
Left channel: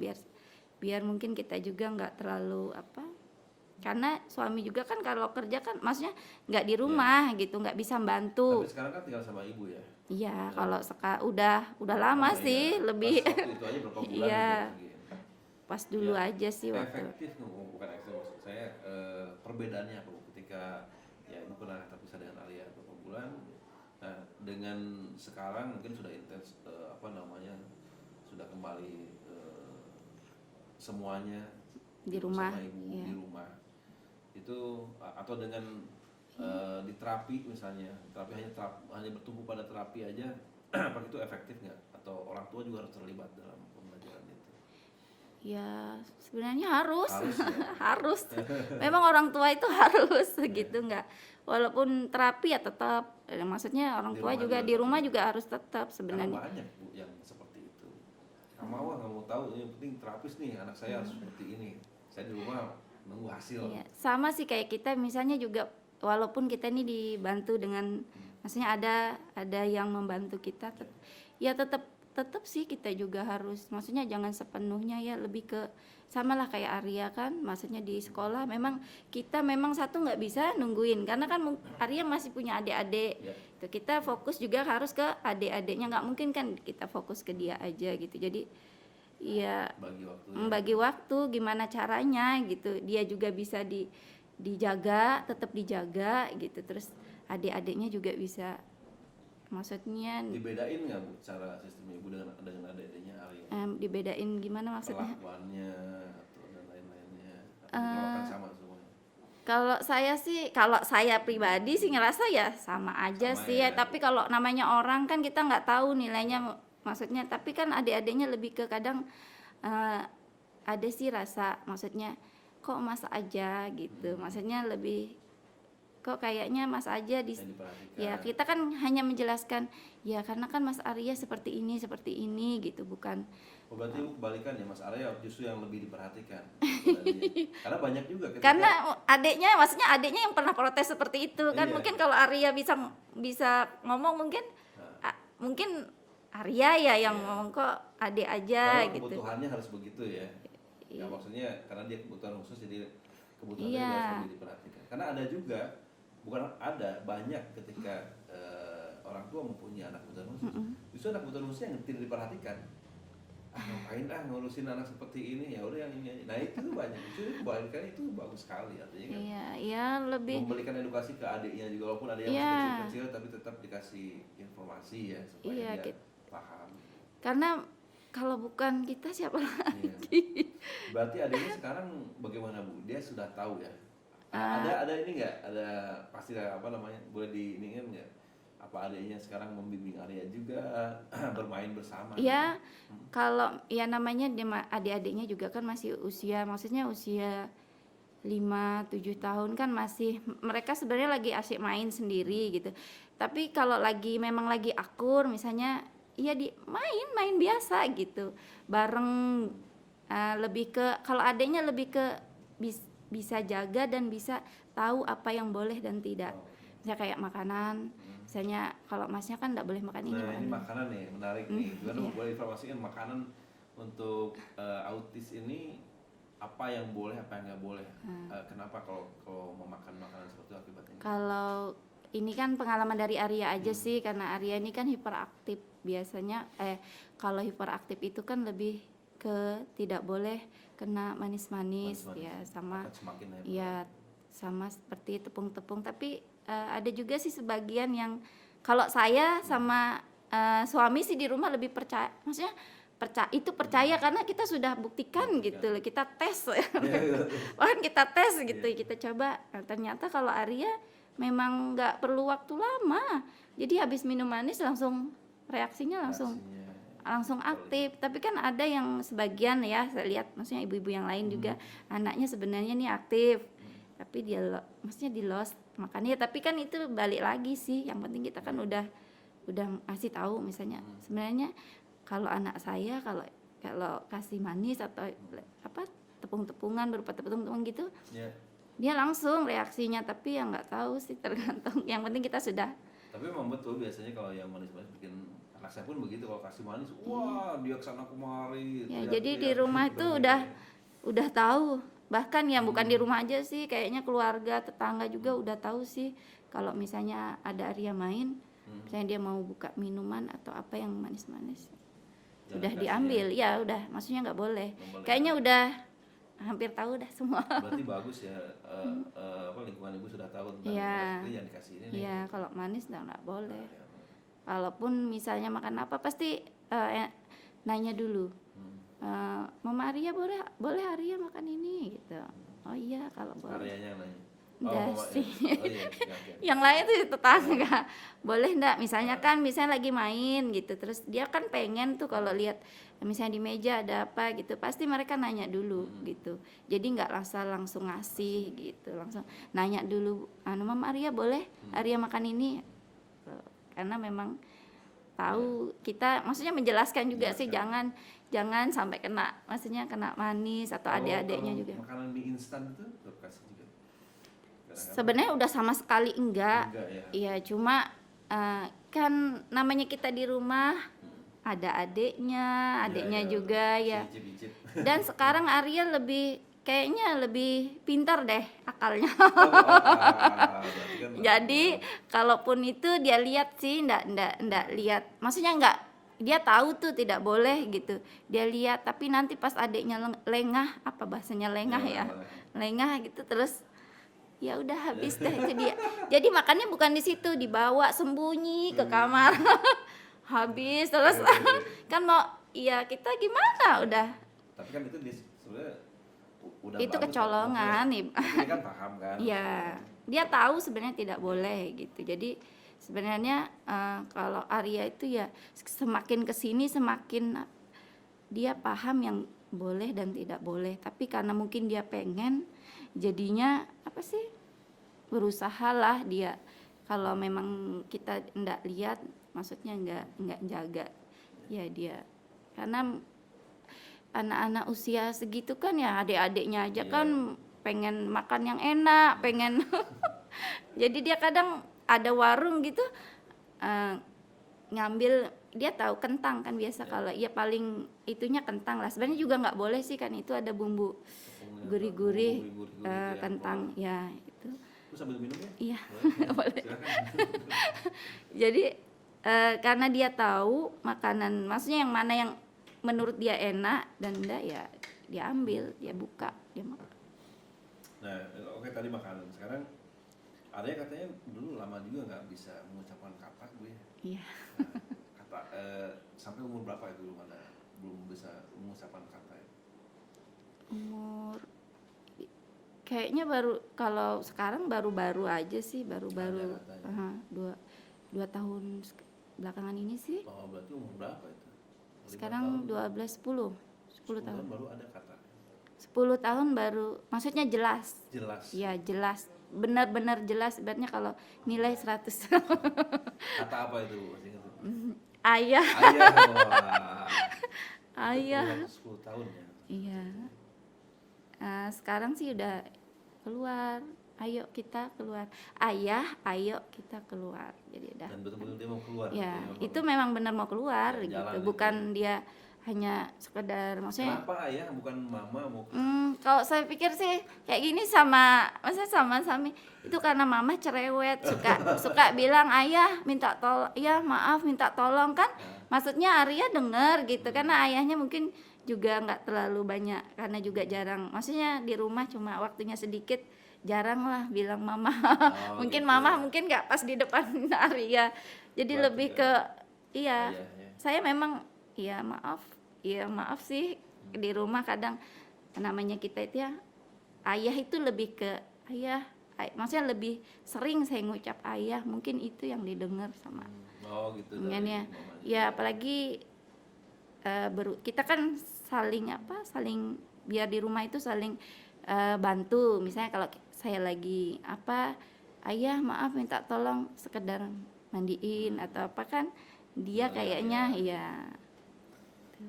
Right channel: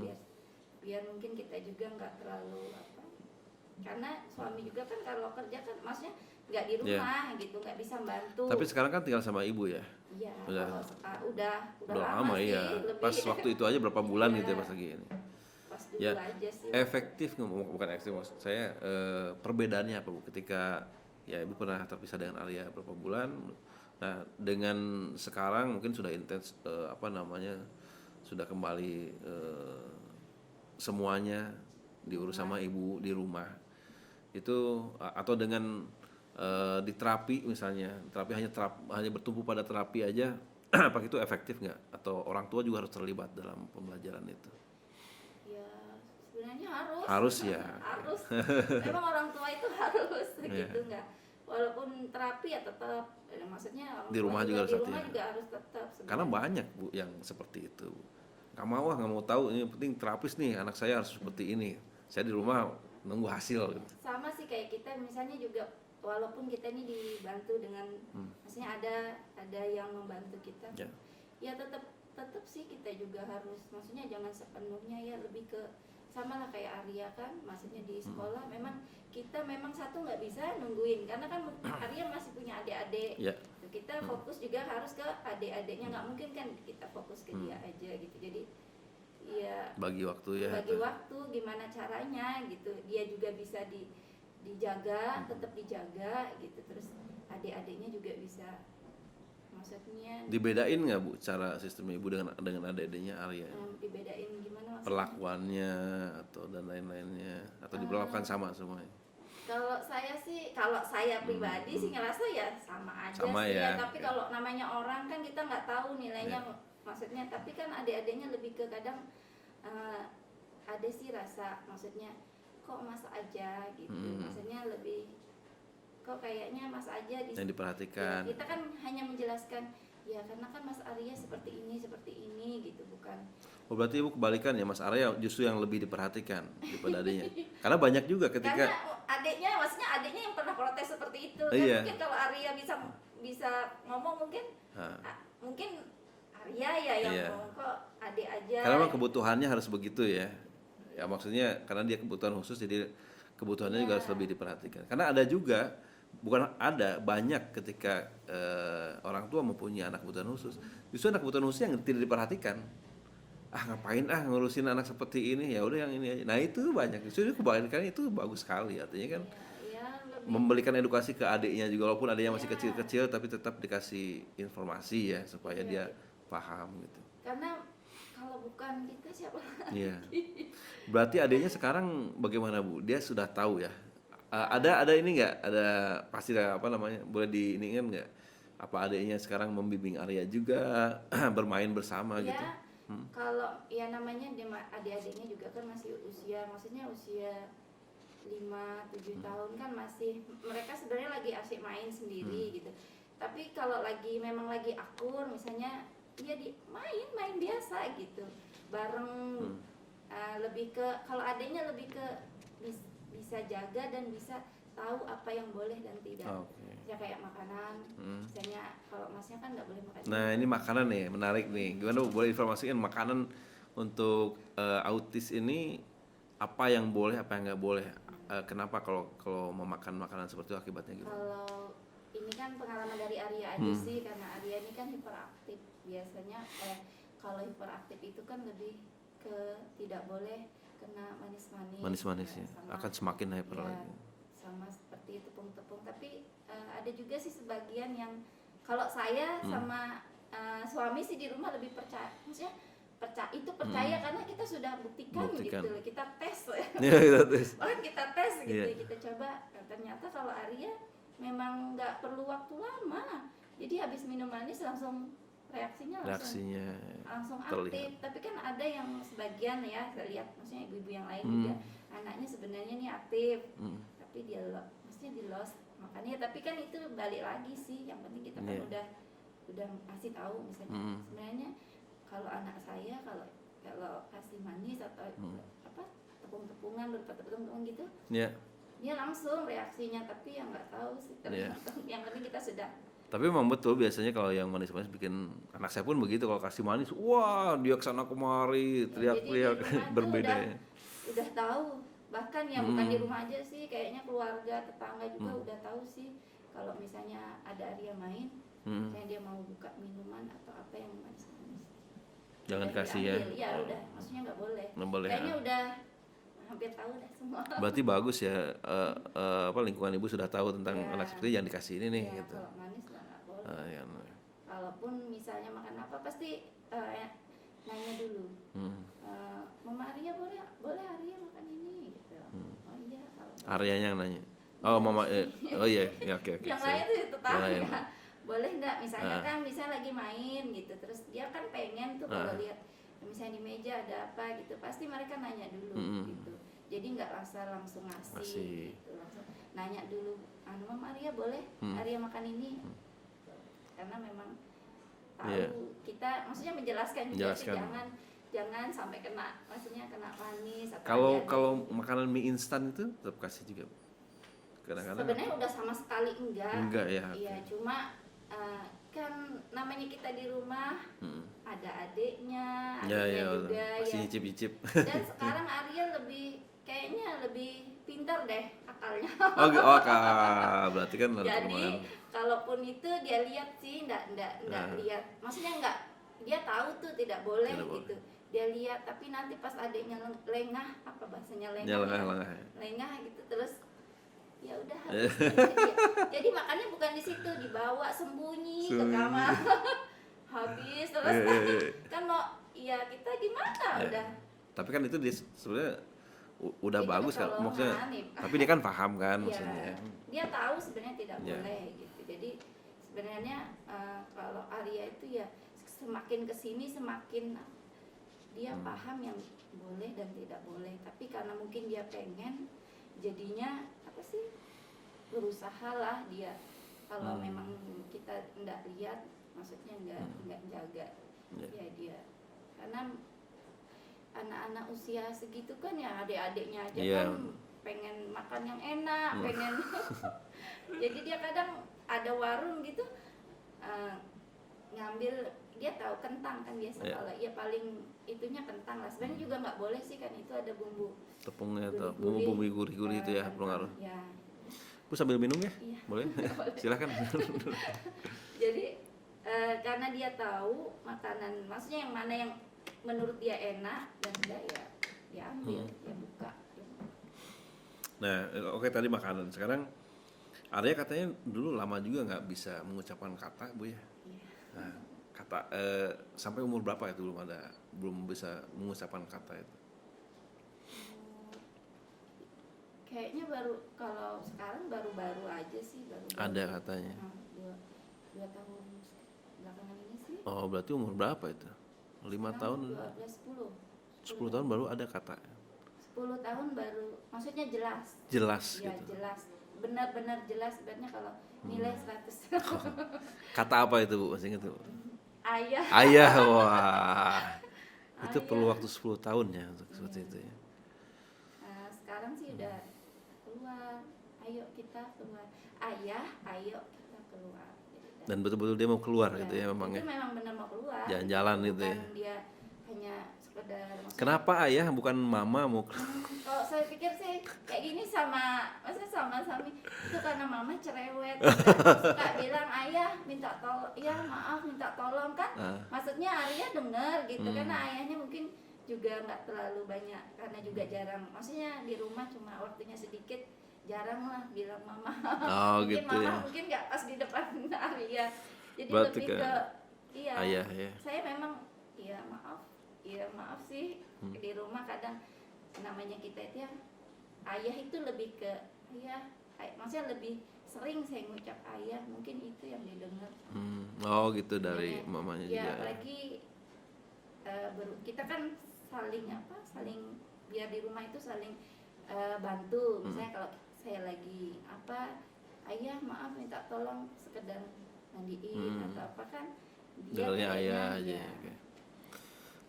biar mungkin kita juga nggak terlalu karena suami juga kan kalau kerja kan maksudnya nggak di rumah gitu, nggak bisa bantu. Tapi sekarang kan tinggal sama ibu ya. Iya, kalau udah lama sih, ya. lebih Pas waktu itu aja berapa bulan gitu lagi. Pas dulu aja sih waktu. Efektif bukan efektif, maksud saya perbedaannya apa, Bu, ketika ya ibu pernah terpisah dengan Arya berapa bulan. Nah, dengan sekarang mungkin sudah intens sudah kembali semuanya diurus sama ibu di rumah. Itu atau dengan di terapi misalnya, terapi hanya bertumpu pada terapi aja, apa itu efektif nggak? Atau orang tua juga harus terlibat dalam pembelajaran itu? Ya sebenarnya harus ya. harus. Memang orang tua itu harus gitu, nggak, walaupun terapi ya tetap, maksudnya orang tua juga di rumah juga harus tetap sebenarnya. Karena banyak, Bu, yang seperti itu. Nggak mau tahu, ini penting terapis nih, anak saya harus seperti ini. Saya di rumah nunggu hasil. Ya, sama sih kayak kita misalnya juga, walaupun kita ini dibantu dengan maksudnya ada yang membantu kita, ya tetap sih kita juga harus, maksudnya jangan sepenuhnya ya, lebih ke sama lah kayak Arya kan, maksudnya di sekolah memang kita satu nggak bisa nungguin karena kan Arya masih punya adik-adik, itu kita fokus juga harus ke adik-adiknya, nggak mungkin kan kita fokus ke dia aja gitu. Jadi ya bagi waktu gimana caranya gitu, dia juga bisa dijaga, tetap dijaga gitu, terus adik-adiknya juga bisa, maksudnya dibedain nggak, Bu, cara sistem ibu dengan adik-adiknya Arya? Dibedain gimana maksudnya? Perlakuannya atau dan lain-lainnya, atau diperlakukan sama semuanya? Kalau saya pribadi sih ngerasa ya sama aja sih ya. Tapi kalau namanya orang kan kita nggak tahu nilainya, maksudnya. Tapi kan adik-adiknya lebih ke kadang ada sih rasa, maksudnya kok masa aja gitu, maksudnya lebih kok kayaknya Mas aja di yang diperhatikan. ya kita kan hanya menjelaskan ya karena kan Mas Arya seperti ini gitu, bukan. Oh, berarti Ibu kebalikan ya, Mas Arya justru yang lebih diperhatikan daripada adiknya. Karena banyak juga ketika Karena maksudnya adiknya yang pernah protes seperti itu kan. Iya. Mungkin kalau Arya bisa ngomong mungkin Nah, mungkin Arya ya yang Iya. ngomong, kok adik aja kalau gitu. kebutuhannya harus begitu ya. Ya maksudnya karena dia kebutuhan khusus, jadi kebutuhannya juga Iya. harus lebih diperhatikan. Karena ada juga, bukan ada, banyak ketika orang tua mempunyai anak kebutuhan khusus, justru anak kebutuhan khusus yang tidak diperhatikan. Ngapain ngurusin anak seperti ini, ya udah yang ini aja. Nah itu banyak, justru kebalikan itu bagus sekali, artinya kan Iya, ya lebih memberikan edukasi ke adiknya juga, walaupun adiknya masih Iya. kecil-kecil tapi tetap dikasih informasi ya supaya Iya, dia gitu. paham gitu. karena kalau bukan kita siapa lagi? Iya. Berarti adiknya sekarang bagaimana Bu? Dia sudah tahu ya? Ah. Ada ini nggak? Ada pasti apa namanya? Boleh diingat nggak? Apa adiknya sekarang membimbing Arya juga bermain bersama Ya, gitu? kalau ya namanya adik-adiknya juga kan masih maksudnya usia 5-7 tahun kan masih mereka sebenarnya lagi asik main sendiri gitu. Tapi kalau memang lagi akur misalnya ya main biasa gitu. Bareng lebih ke kalau adiknya lebih ke bisa jaga dan bisa tahu apa yang boleh dan tidak. Oke. Misalnya kayak makanan, misalnya kalau Masnya kan nggak boleh makan Nah ini makanan nih, menarik nih. Gimana Bu, boleh informasikan makanan untuk autis ini apa yang boleh, apa yang nggak boleh? Kenapa kalau memakan makanan seperti itu akibatnya gitu? Kalau ini kan pengalaman dari Arya aja sih, karena Arya ini kan hiperaktif biasanya. Kalau hiperaktif itu kan lebih ke tidak boleh kena manis-manis, Manis-manis ya, ya, sama akan semakin hyper ya lagi. sama seperti tepung-tepung. Tapi ada juga sih sebagian yang kalau saya sama suami sih di rumah lebih percaya, maksudnya percaya karena kita sudah buktikan gitu loh, kita tes Iya, kita tes. bahkan kita tes gitu, Iya. kita coba. Nah, ternyata kalau Arya memang nggak perlu waktu lama, jadi habis minum manis langsung reaksinya langsung Reaksinya aktif. Tapi kan ada yang sebagian ya saya lihat, maksudnya ibu-ibu yang lain juga anaknya sebenarnya nih aktif, tapi maksudnya di lost makanya. Tapi kan itu balik lagi sih, yang penting kita kan udah ngasih tahu misalnya sebenarnya kalau anak saya kalau kasih manis atau apa tepung-tepungan berupa tepung-tepungan gitu, ya. dia langsung reaksinya. Tapi yang nggak tahu sih, tergantung. Yang penting kita sudah Tapi memang betul biasanya kalau yang manis-manis bikin, anak saya pun begitu, kalau kasih manis, wah dia kesana kemari, ya, jadi di teriak-teriak. rumah tuh Berbeda ya. udah tahu, bahkan yang bukan di rumah aja sih, kayaknya keluarga tetangga juga udah tahu sih kalau misalnya ada Arya main, misalnya dia mau buka minuman atau apa yang manis-manis, Jangan udah kasih diambil ya, udah maksudnya nggak boleh. Nggak boleh, Kayaknya udah hampir tahu dah semua. Berarti bagus ya, apa lingkungan ibu sudah tahu tentang Iya. anak seperti jangan dikasih ini nih. Iya, gitu. kalau manis nggak boleh. Ya. Kalaupun misalnya makan apa pasti nanya dulu. Mama Arya boleh Arya makan ini gitu. Oh iya kalau boleh. Aryanya yang nanya. Enggak Oh mama, sih. oh iya, ya, oke. Yang lain tuh tetangga. Yang Boleh enggak misalnya kan misalnya lagi main gitu, terus dia kan pengen tuh kalau lihat misalnya di meja ada apa gitu, pasti mereka nanya dulu gitu. Jadi nggak langsung ngasih gitu, langsung nanya dulu, Mama Arya boleh Arya makan ini. Karena memang tahu kita maksudnya menjelaskan juga sih, jangan sampai maksudnya kena manis atau Kalau adik-adiknya juga. makanan mie instan itu tetap kasih juga. Kadang-kadang Sebenarnya udah sama sekali enggak ya. Iya, cuma kan namanya kita di rumah ada adiknya juga ya. Icip-icip. Dan sekarang Arya kayaknya lebih pintar deh akalnya. Berarti kan. Jadi kalaupun itu dia lihat sih, ndak lihat. Maksudnya nggak, dia tahu tuh tidak boleh gitu. Dia lihat, tapi nanti pas adiknya lengah, apa bahasanya lengah ya? Lengah gitu, terus ya udah habis deh itu dia. Jadi makannya bukan di situ, dibawa sembunyi ke kamar. Habis terus kan mau kita gimana udah. Tapi kan itu sebenarnya udah Itu bagus kecolongan nih. Tapi dia kan paham kan. Iya, dia tahu sebenarnya tidak boleh gitu. Jadi sebenarnya kalau Arya itu ya semakin kesini semakin dia paham yang boleh dan tidak boleh. Tapi karena mungkin dia pengen, jadinya apa sih? berusaha lah dia. Kalau memang kita nggak lihat, maksudnya nggak jaga, ya dia. Karena anak-anak usia segitu kan ya adik-adiknya aja Iya. kan pengen makan yang enak, pengen. Jadi dia kadang ada warung gitu, ngambil, dia tahu kentang kan biasa, kalau ya paling itunya kentang lah. Sebenarnya juga nggak boleh sih kan, itu ada bumbu Tepungnya gurih-gurih, bumbu gurih-gurih itu ya kentang keluar. ya itu. Bu sambil minum ya? Iya. Boleh? Silakan. Jadi karena dia tahu makanan, maksudnya yang mana yang menurut dia enak dan enggak, ya dia ambil, dia buka, dia makan. Nah, oke tadi makanan. Sekarang Arya katanya dulu lama juga nggak bisa mengucapkan kata, Bu ya. Iya. Nah, kata sampai umur berapa itu belum bisa mengucapkan kata itu? Umur kayaknya baru, kalau sekarang baru-baru aja sih, baru-baru. Ada katanya. Dua tahun belakangan ini sih. Oh, berarti umur berapa itu? 5 Sekarang tahun? 10 tahun baru ada kata. 10 tahun baru, maksudnya jelas. Jelas. Ya gitu. jelas, benar-benar jelas. Sebenarnya kalau nilai 100. Kata apa itu, Bu? Masih ingat, Bu? Ayah. Ayah, wah. Itu perlu Ayah. waktu 10 tahun ya untuk seperti Iya. itu ya. Sekarang sih udah keluar, ayo kita keluar, ayah ayo kita keluar, jadi udah. Dan betul-betul dia mau keluar Ya, gitu ya memang. itu ya. memang benar mau keluar Ya, gitu. jalan itu Bukan ya. dia hanya sekedar, maksudnya Kenapa ayah bukan mama mau keluar? kalau saya pikir sih kayak gini, maksudnya sama Sami itu karena mama cerewet, suka bilang ayah minta tolong, ya maaf minta tolong kan. Maksudnya Arya denger gitu, karena ayahnya mungkin juga nggak terlalu banyak, karena juga jarang, maksudnya di rumah cuma waktunya sedikit, jarang lah bilang mama. Oh, Mungkin gitu mama ya. mungkin nggak pas di depan Arya, jadi Berarti lebih ke ke iya. ayah ya. Saya memang maaf sih, di rumah kadang namanya kita itu ya ayah itu lebih ke ayah, maksudnya lebih sering saya ngucap ayah, mungkin itu yang didengar sama Oh gitu dari Makanya, mamanya ya juga. apalagi kita kan saling biar di rumah itu saling bantu. Misalnya kalau saya lagi ayah maaf minta tolong sekedar mandiin atau apa kan, dia Bilangnya kayaknya ayah, ya.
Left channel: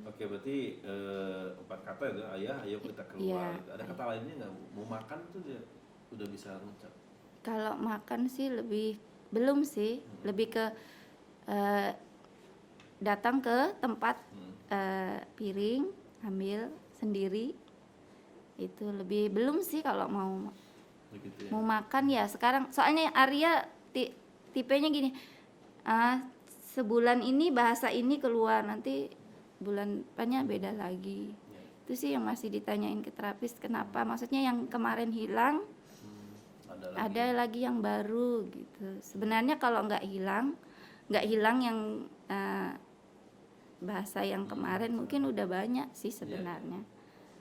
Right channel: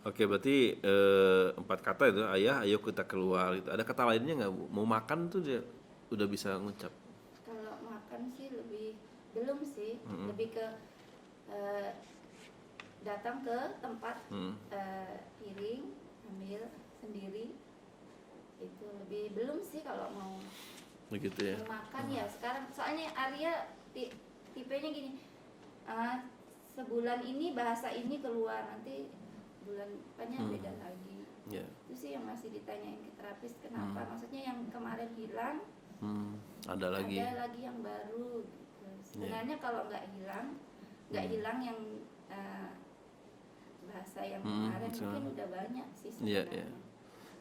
Oke, berarti 4 kata itu ayah, ayo kita keluar Iya. itu. Ada kata lainnya nggak, Bu? Mau makan tuh dia udah bisa ngucap. Kalau makan sih belum sih, lebih ke datang ke tempat, piring ambil sendiri, itu lebih belum sih kalau mau Begitu ya. mau makan ya sekarang. Soalnya Arya tipenya gini, sebulan ini bahasa ini keluar, nanti bulan depannya beda lagi. Ya. Itu sih yang masih ditanyain ke terapis, kenapa, maksudnya yang kemarin hilang Ada lagi. ada lagi yang baru gitu. Sebenarnya kalau nggak hilang yang bahasa yang kemarin mungkin udah banyak sih Iya, sebenarnya.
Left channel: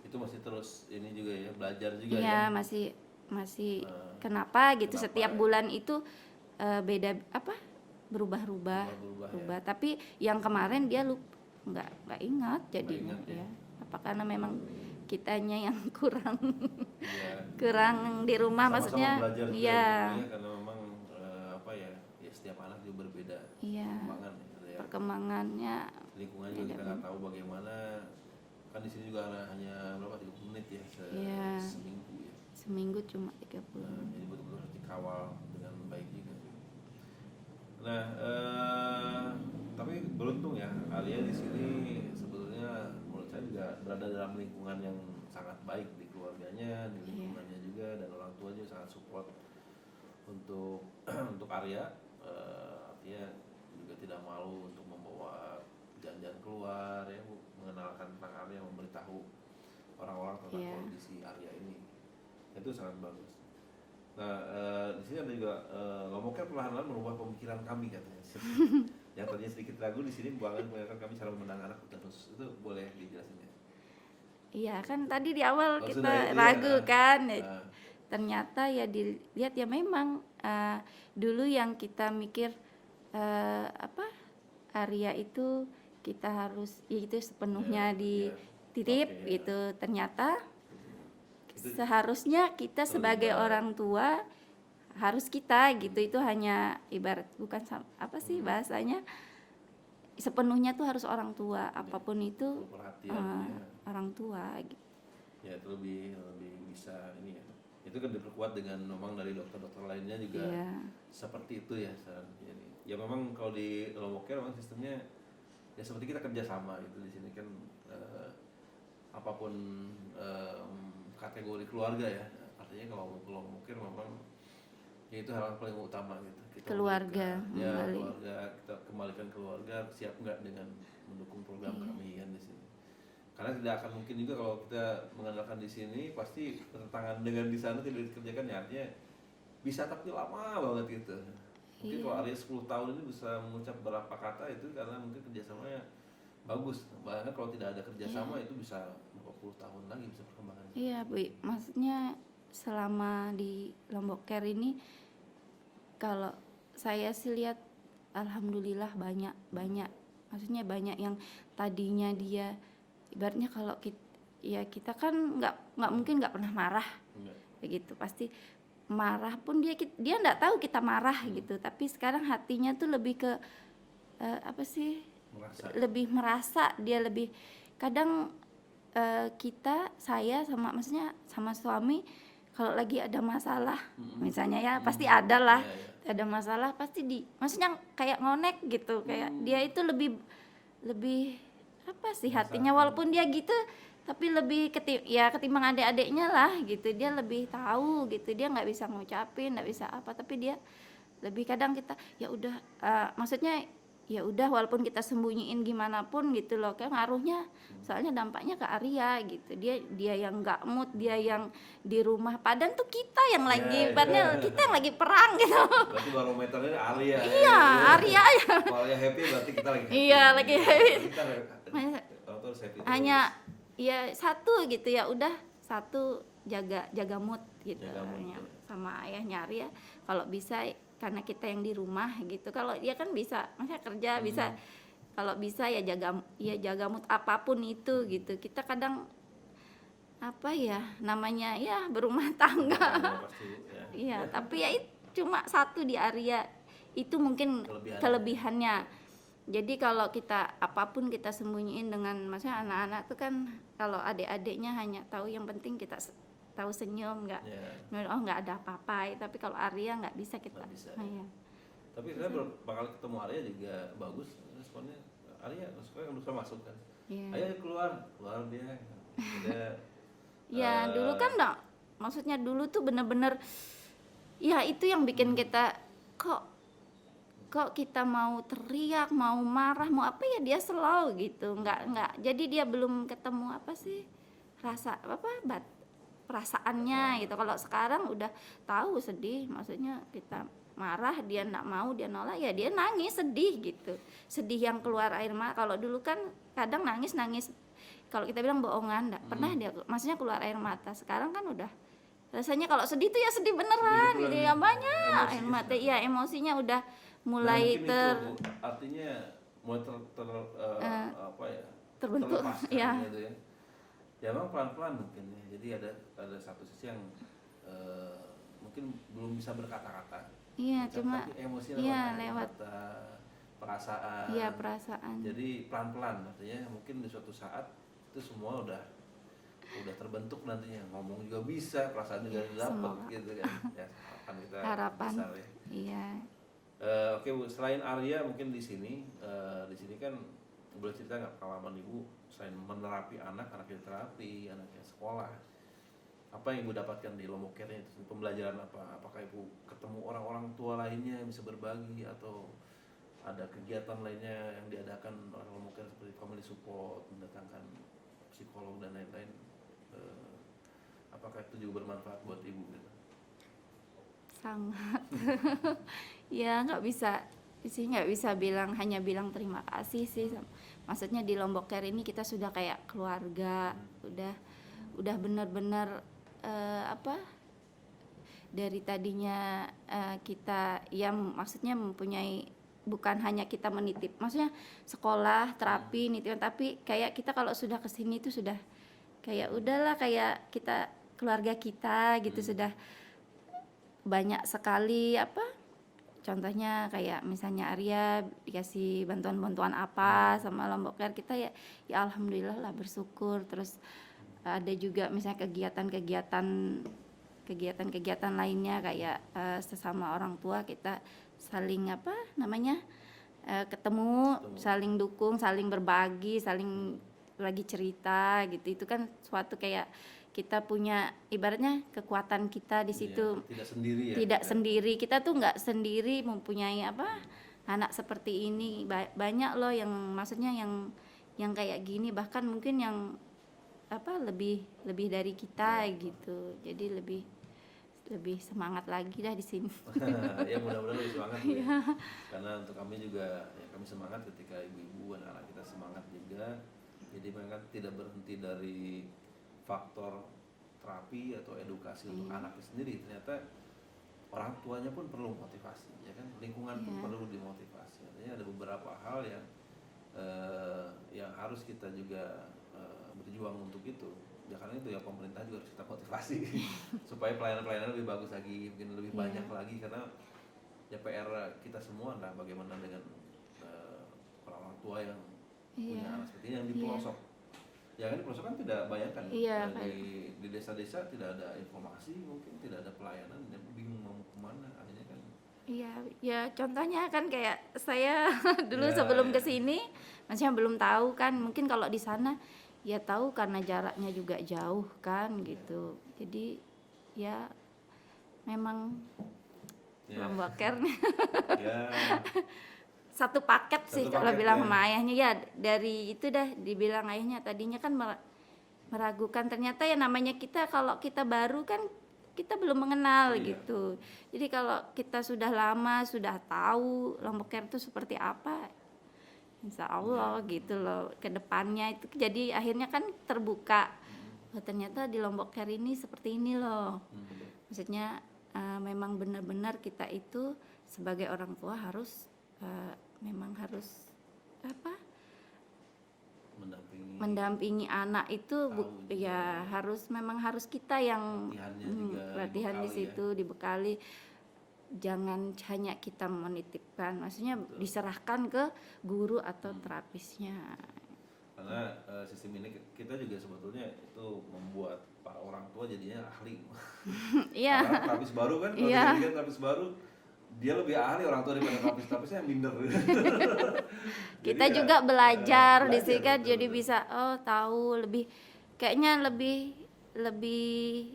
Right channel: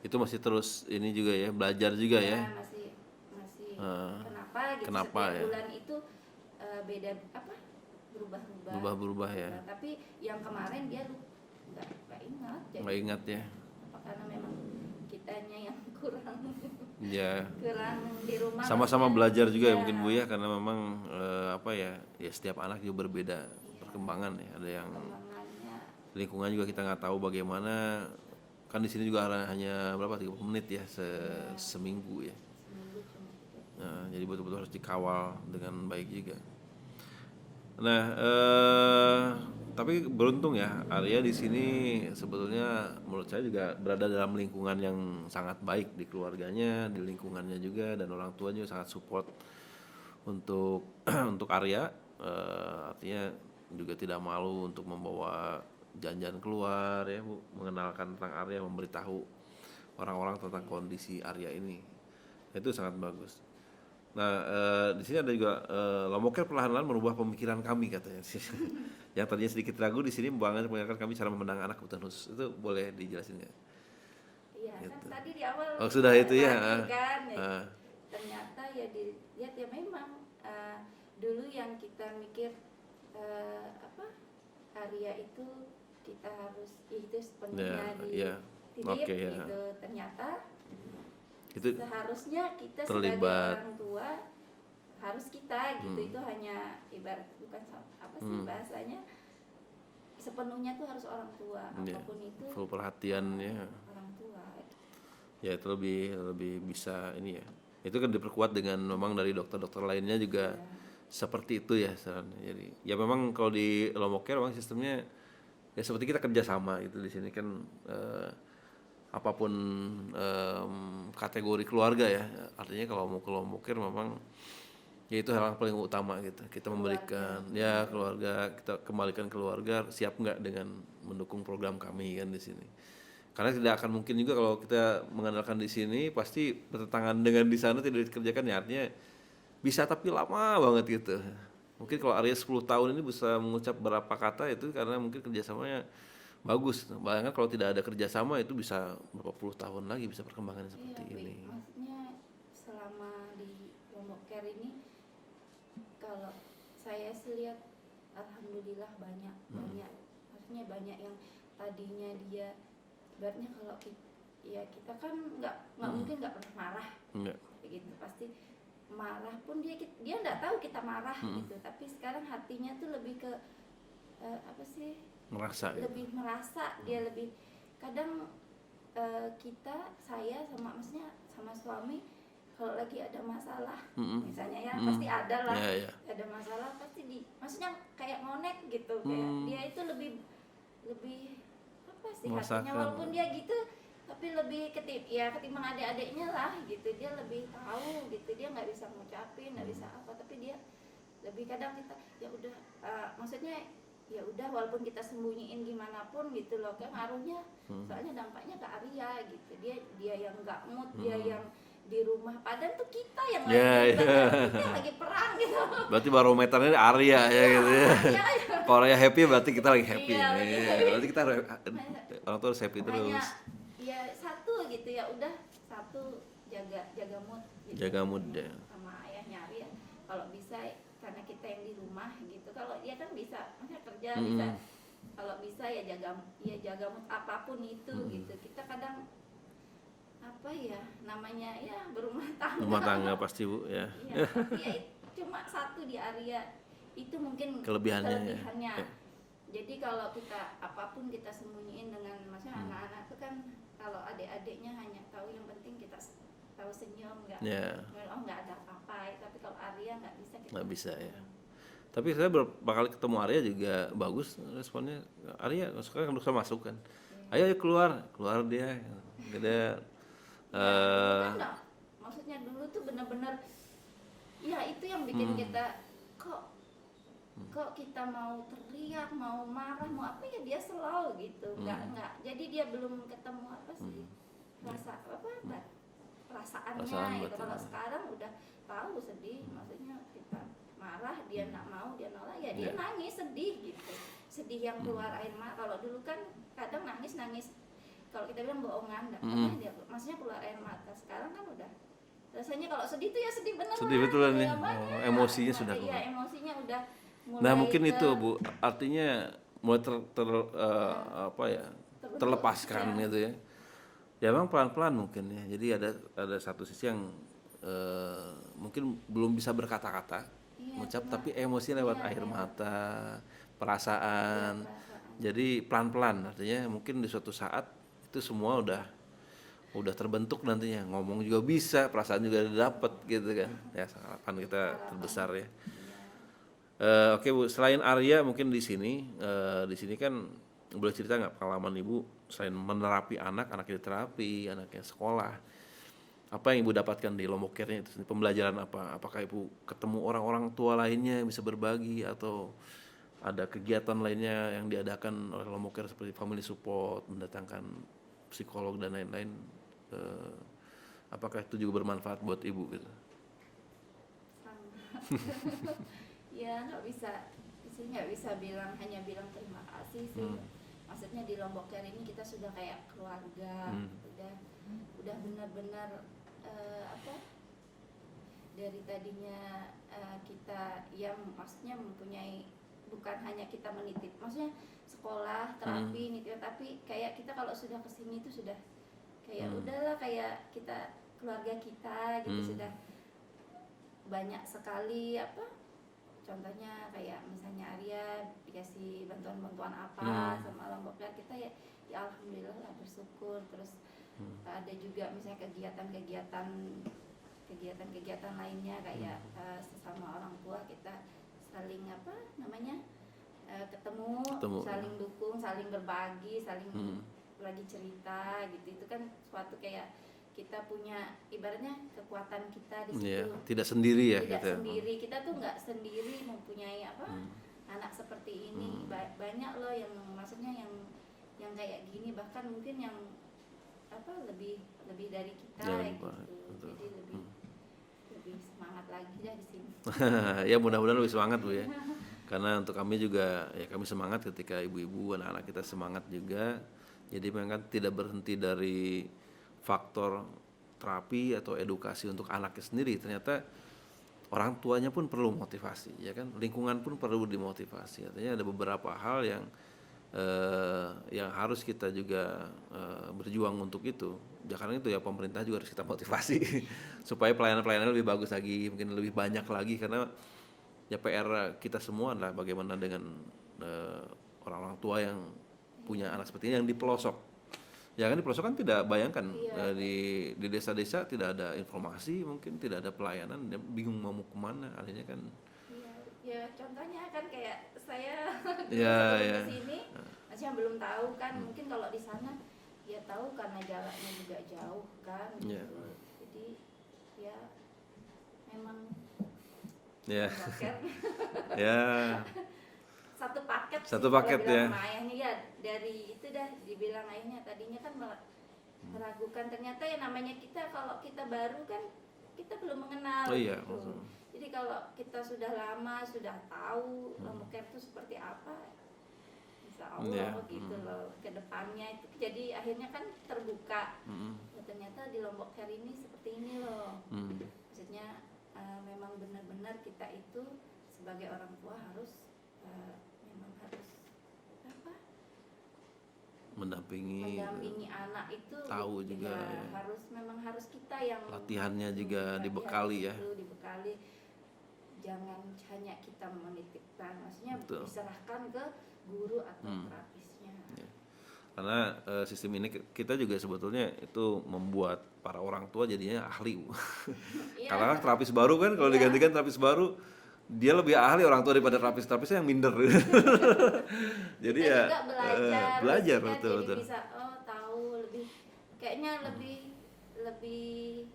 Itu masih terus ini juga ya, belajar juga ya. Ya masih kenapa gitu, kenapa setiap ya? bulan itu beda berubah-ubah. Berubah-berubah ya. Tapi yang kemarin dia nggak ingat, jadi Nggak ingat ya. apa karena memang kitanya yang kurang Iya. kurang di rumah, Sama-sama maksudnya. belajar juga Iya. mungkin, Bu ya, karena memang ya setiap anak juga berbeda Iya. perkembangan ya. Ada yang Perkembangannya lingkungan juga kita nggak tahu bagaimana. Kan di sini juga hanya berapa 30 menit ya seminggu ya. seminggu cuma 30. Nah, jadi betul-betul harus dikawal dengan baik juga. Nah, tapi beruntung ya Arya di sini sebetulnya menurut saya juga berada dalam lingkungan yang sangat baik, di keluarganya, di lingkungannya juga, dan orang tuanya juga sangat support untuk untuk Arya. Artinya juga tidak malu untuk membawa jalan-jalan keluar ya, Bu, mengenalkan tentang Arya, memberitahu orang-orang tentang kondisi Arya ini. Itu sangat bagus. Nah, di sini ada juga Lomoker perlahan-lahan merubah pemikiran kami katanya. Yang tadinya sedikit ragu, di sini mengajarkan kami cara memandang anak hutan khusus. Itu boleh dijelasin nggak? Iya kan tadi di awal Oh, kita sudah itu ya. ragu kan. Ternyata ya dilihat ya memang dulu yang kita mikir Arya itu kita harus ya itu sepenuhnya dititip Oke, ya. gitu. Ternyata Itu seharusnya kita sebagai terlibat. orang tua harus kita gitu. Itu hanya ibarat bukan apa sih bahasanya, sepenuhnya tuh harus orang tua, apapun itu full perhatiannya orang tua gitu. ya. Itu lebih bisa ini ya, itu kan diperkuat dengan memang dari dokter-dokter lainnya juga seperti itu ya sarannya. Jadi ya memang kalau di Lombok Care memang sistemnya ya seperti kita kerjasama gitu di sini kan, apapun kategori keluarga ya, artinya kalau mau ke Lombok Care memang ya itu hal yang paling utama gitu, kita memberikan keluarga, kita kembalikan keluarga siap nggak dengan mendukung program kami kan di sini. Karena tidak akan mungkin juga kalau kita mengandalkan di sini pasti bertentangan dengan di sana tidak dikerjakan ya, artinya bisa tapi lama banget gitu. Mungkin kalau Arya 10 tahun ini bisa mengucap berapa kata itu karena mungkin kerjasamanya bagus. Bayangkan kalau tidak ada kerjasama itu bisa berapa puluh tahun lagi bisa perkembangan seperti ini. Maksudnya selama di Lombok Care ini kalau saya sih lihat alhamdulillah banyak maksudnya banyak yang tadinya dia ibaratnya kalau kita kan nggak mungkin nggak pernah marah begitu, pasti marah pun dia nggak tahu kita marah gitu, tapi sekarang hatinya tuh lebih ke apa sih, lebih merasa, dia lebih kadang saya maksudnya sama suami kalau lagi ada masalah misalnya ya pasti ada lah, ada masalah pasti maksudnya kayak ngonek gitu, kayak dia itu lebih apa sih hatinya, walaupun dia gitu tapi lebih ketimbang adik-adiknya lah gitu, dia lebih tahu gitu, dia nggak bisa ngucapin, nggak bisa apa, tapi dia lebih kadang kita ya udah maksudnya ya udah walaupun kita sembunyiin gimana pun gitu loh, kayak ngaruhnya soalnya dampaknya ke Arya gitu, dia yang nggak mood, dia yang di rumah, padahal tuh kita yang lagi kita yang lagi perang gitu. Berarti barometernya Arya ya gitu. Arya ya. Kalau Arya happy berarti kita lagi happy. Iya, lagi happy. Berarti kita orang tua harus happy terus. Hanya ya satu gitu ya udah, satu jaga mood gitu. Jaga mood ya. Sama ayahnya Arya kalau bisa, karena kita yang di rumah gitu, kalau dia kan bisa maksudnya kerja bisa, kalau bisa ya jaga mood apapun itu gitu. Kita kadang apa ya namanya ya berumah tangga pasti Bu ya. Iya, tapi ya cuma satu di Arya itu mungkin kelebihannya. Jadi kalau kita apapun kita sembunyiin dengan maksudnya anak-anak itu kan, kalau adik-adiknya hanya tahu yang penting kita tahu senyum, nggak nggak ada apa-apa, tapi kalau Arya nggak bisa kita. Nggak bisa ya. Tapi saya beberapa kali ketemu Arya juga bagus responnya. Arya sekarang udah masuk kan, ayo keluar dia. Dulu kan enggak, maksudnya dulu tuh bener-bener ya itu yang bikin kita kok kita mau teriak, mau marah, mau apa ya dia slow gitu, nggak jadi dia belum ketemu apa sih perasaannya gitu. Kalau sekarang udah tahu sedih, maksudnya kita marah dia nggak mau, dia nolak ya dia nangis sedih gitu, sedih yang keluar air mata. Kalau dulu kan kadang nangis kalau kita bilang bohongan, nggak pernah dia maksudnya keluar air mata. Sekarang kan udah rasanya kalau sedih tuh ya sedih beneran, jadi nggak banyak emosinya air mata. Iya, emosinya udah mulai nah mungkin itu Bu, artinya mulai terlepaskan gitu ya. Ya memang pelan-pelan mungkin ya. Jadi ada satu sisi yang mungkin belum bisa berkata-kata, tapi emosi lewat air mata, perasaan. Jadi pelan-pelan, artinya mungkin di suatu saat itu semua udah terbentuk nantinya, ngomong juga bisa, perasaan juga dapat gitu kan. Ya harapan kita besar ya. Iya. Oke Bu, selain Arya mungkin di sini kan boleh cerita nggak pengalaman Ibu selain menerapi anaknya terapi, anaknya sekolah, apa yang Ibu dapatkan di Lombok Care-nya itu, pembelajaran apa? Apakah Ibu ketemu orang-orang tua lainnya yang bisa berbagi, atau ada kegiatan lainnya yang diadakan oleh Lombok Care seperti family support, mendatangkan psikolog dan lain-lain? Apakah itu juga bermanfaat buat Ibu gitu? Sangat. Ya nggak bisa hanya bilang terima kasih sih. Maksudnya di Lombok Care ini kita sudah kayak keluarga, udah benar-benar dari tadinya kita ya maksudnya mempunyai, bukan hanya kita menitip, maksudnya sekolah terapi nitip, tapi kayak kita kalau sudah kesini itu sudah kayak udahlah kayak kita keluarga kita gitu, sudah banyak sekali apa, contohnya kayak misalnya Arya dikasih bantuan-bantuan apa sama Lombok Care, kita ya alhamdulillah lah, bersyukur. Terus ada juga misalnya kegiatan lainnya kayak sesama orang tua kita saling apa namanya, ketemu, saling dukung, saling berbagi, saling lagi cerita gitu. Itu kan suatu kayak kita punya ibaratnya kekuatan kita di situ. Tidak sendiri ya. Tidak gitu. sendiri, kita tuh nggak sendiri mempunyai apa anak seperti ini. Banyak loh yang maksudnya yang kayak gini, bahkan mungkin yang apa lebih dari kita Ya, gitu. Jadi lebih semangat lagi dah di sini. Ya mudah-mudahan lebih semangat Bu ya. Karena untuk kami juga ya kami semangat ketika ibu-ibu anak-anak kita semangat juga. Jadi memang tidak berhenti dari faktor terapi atau edukasi untuk anaknya sendiri. Ternyata orang tuanya pun perlu motivasi, ya kan? Lingkungan pun perlu dimotivasi. Artinya ada beberapa hal yang harus kita juga berjuang untuk itu. Ya karena itu ya pemerintah juga harus kita motivasi supaya pelayanan-pelayanan lebih bagus lagi, mungkin lebih banyak lagi, karena ya PR kita semua adalah bagaimana dengan orang-orang tua yang punya anak seperti ini yang di pelosok. Ya kan di pelosok kan tidak bayangkan di desa-desa tidak ada informasi, mungkin tidak ada pelayanan, dia bingung mau kemana, akhirnya kan. Iya, ya contohnya kan kayak saya dulu sebelum kesini, maksudnya belum tahu kan, mungkin kalau di sana ya tahu karena jaraknya juga jauh kan gitu. Jadi ya memang Lombok Care satu paket sih kalau bilang sama ayahnya, ya dari itu dah dibilang ayahnya tadinya kan meragukan, ternyata ya namanya kita kalau kita baru kan kita belum mengenal gitu. Jadi kalau kita sudah lama, sudah tahu Lombok Care itu seperti apa, insya Allah gitu loh ke depannya itu. Jadi akhirnya kan terbuka, oh, ternyata di Lombok Care ini seperti ini loh. Maksudnya memang benar-benar kita itu sebagai orang tua harus memang harus apa, mendampingi anak itu ya memang harus kita yang latihannya juga dibekali dibekali. Jangan hanya kita menitipkan, maksudnya diserahkan ke guru atau terapisnya. Karena sistem ini kita juga sebetulnya itu membuat para orang tua jadinya ahli. Karena terapis baru kan, kalau digantikan terapis baru, dia lebih ahli orang tua daripada terapis-terapisnya yang minder. Jadi kita juga belajar kan, jadi bisa tahu lebih, kayaknya lebih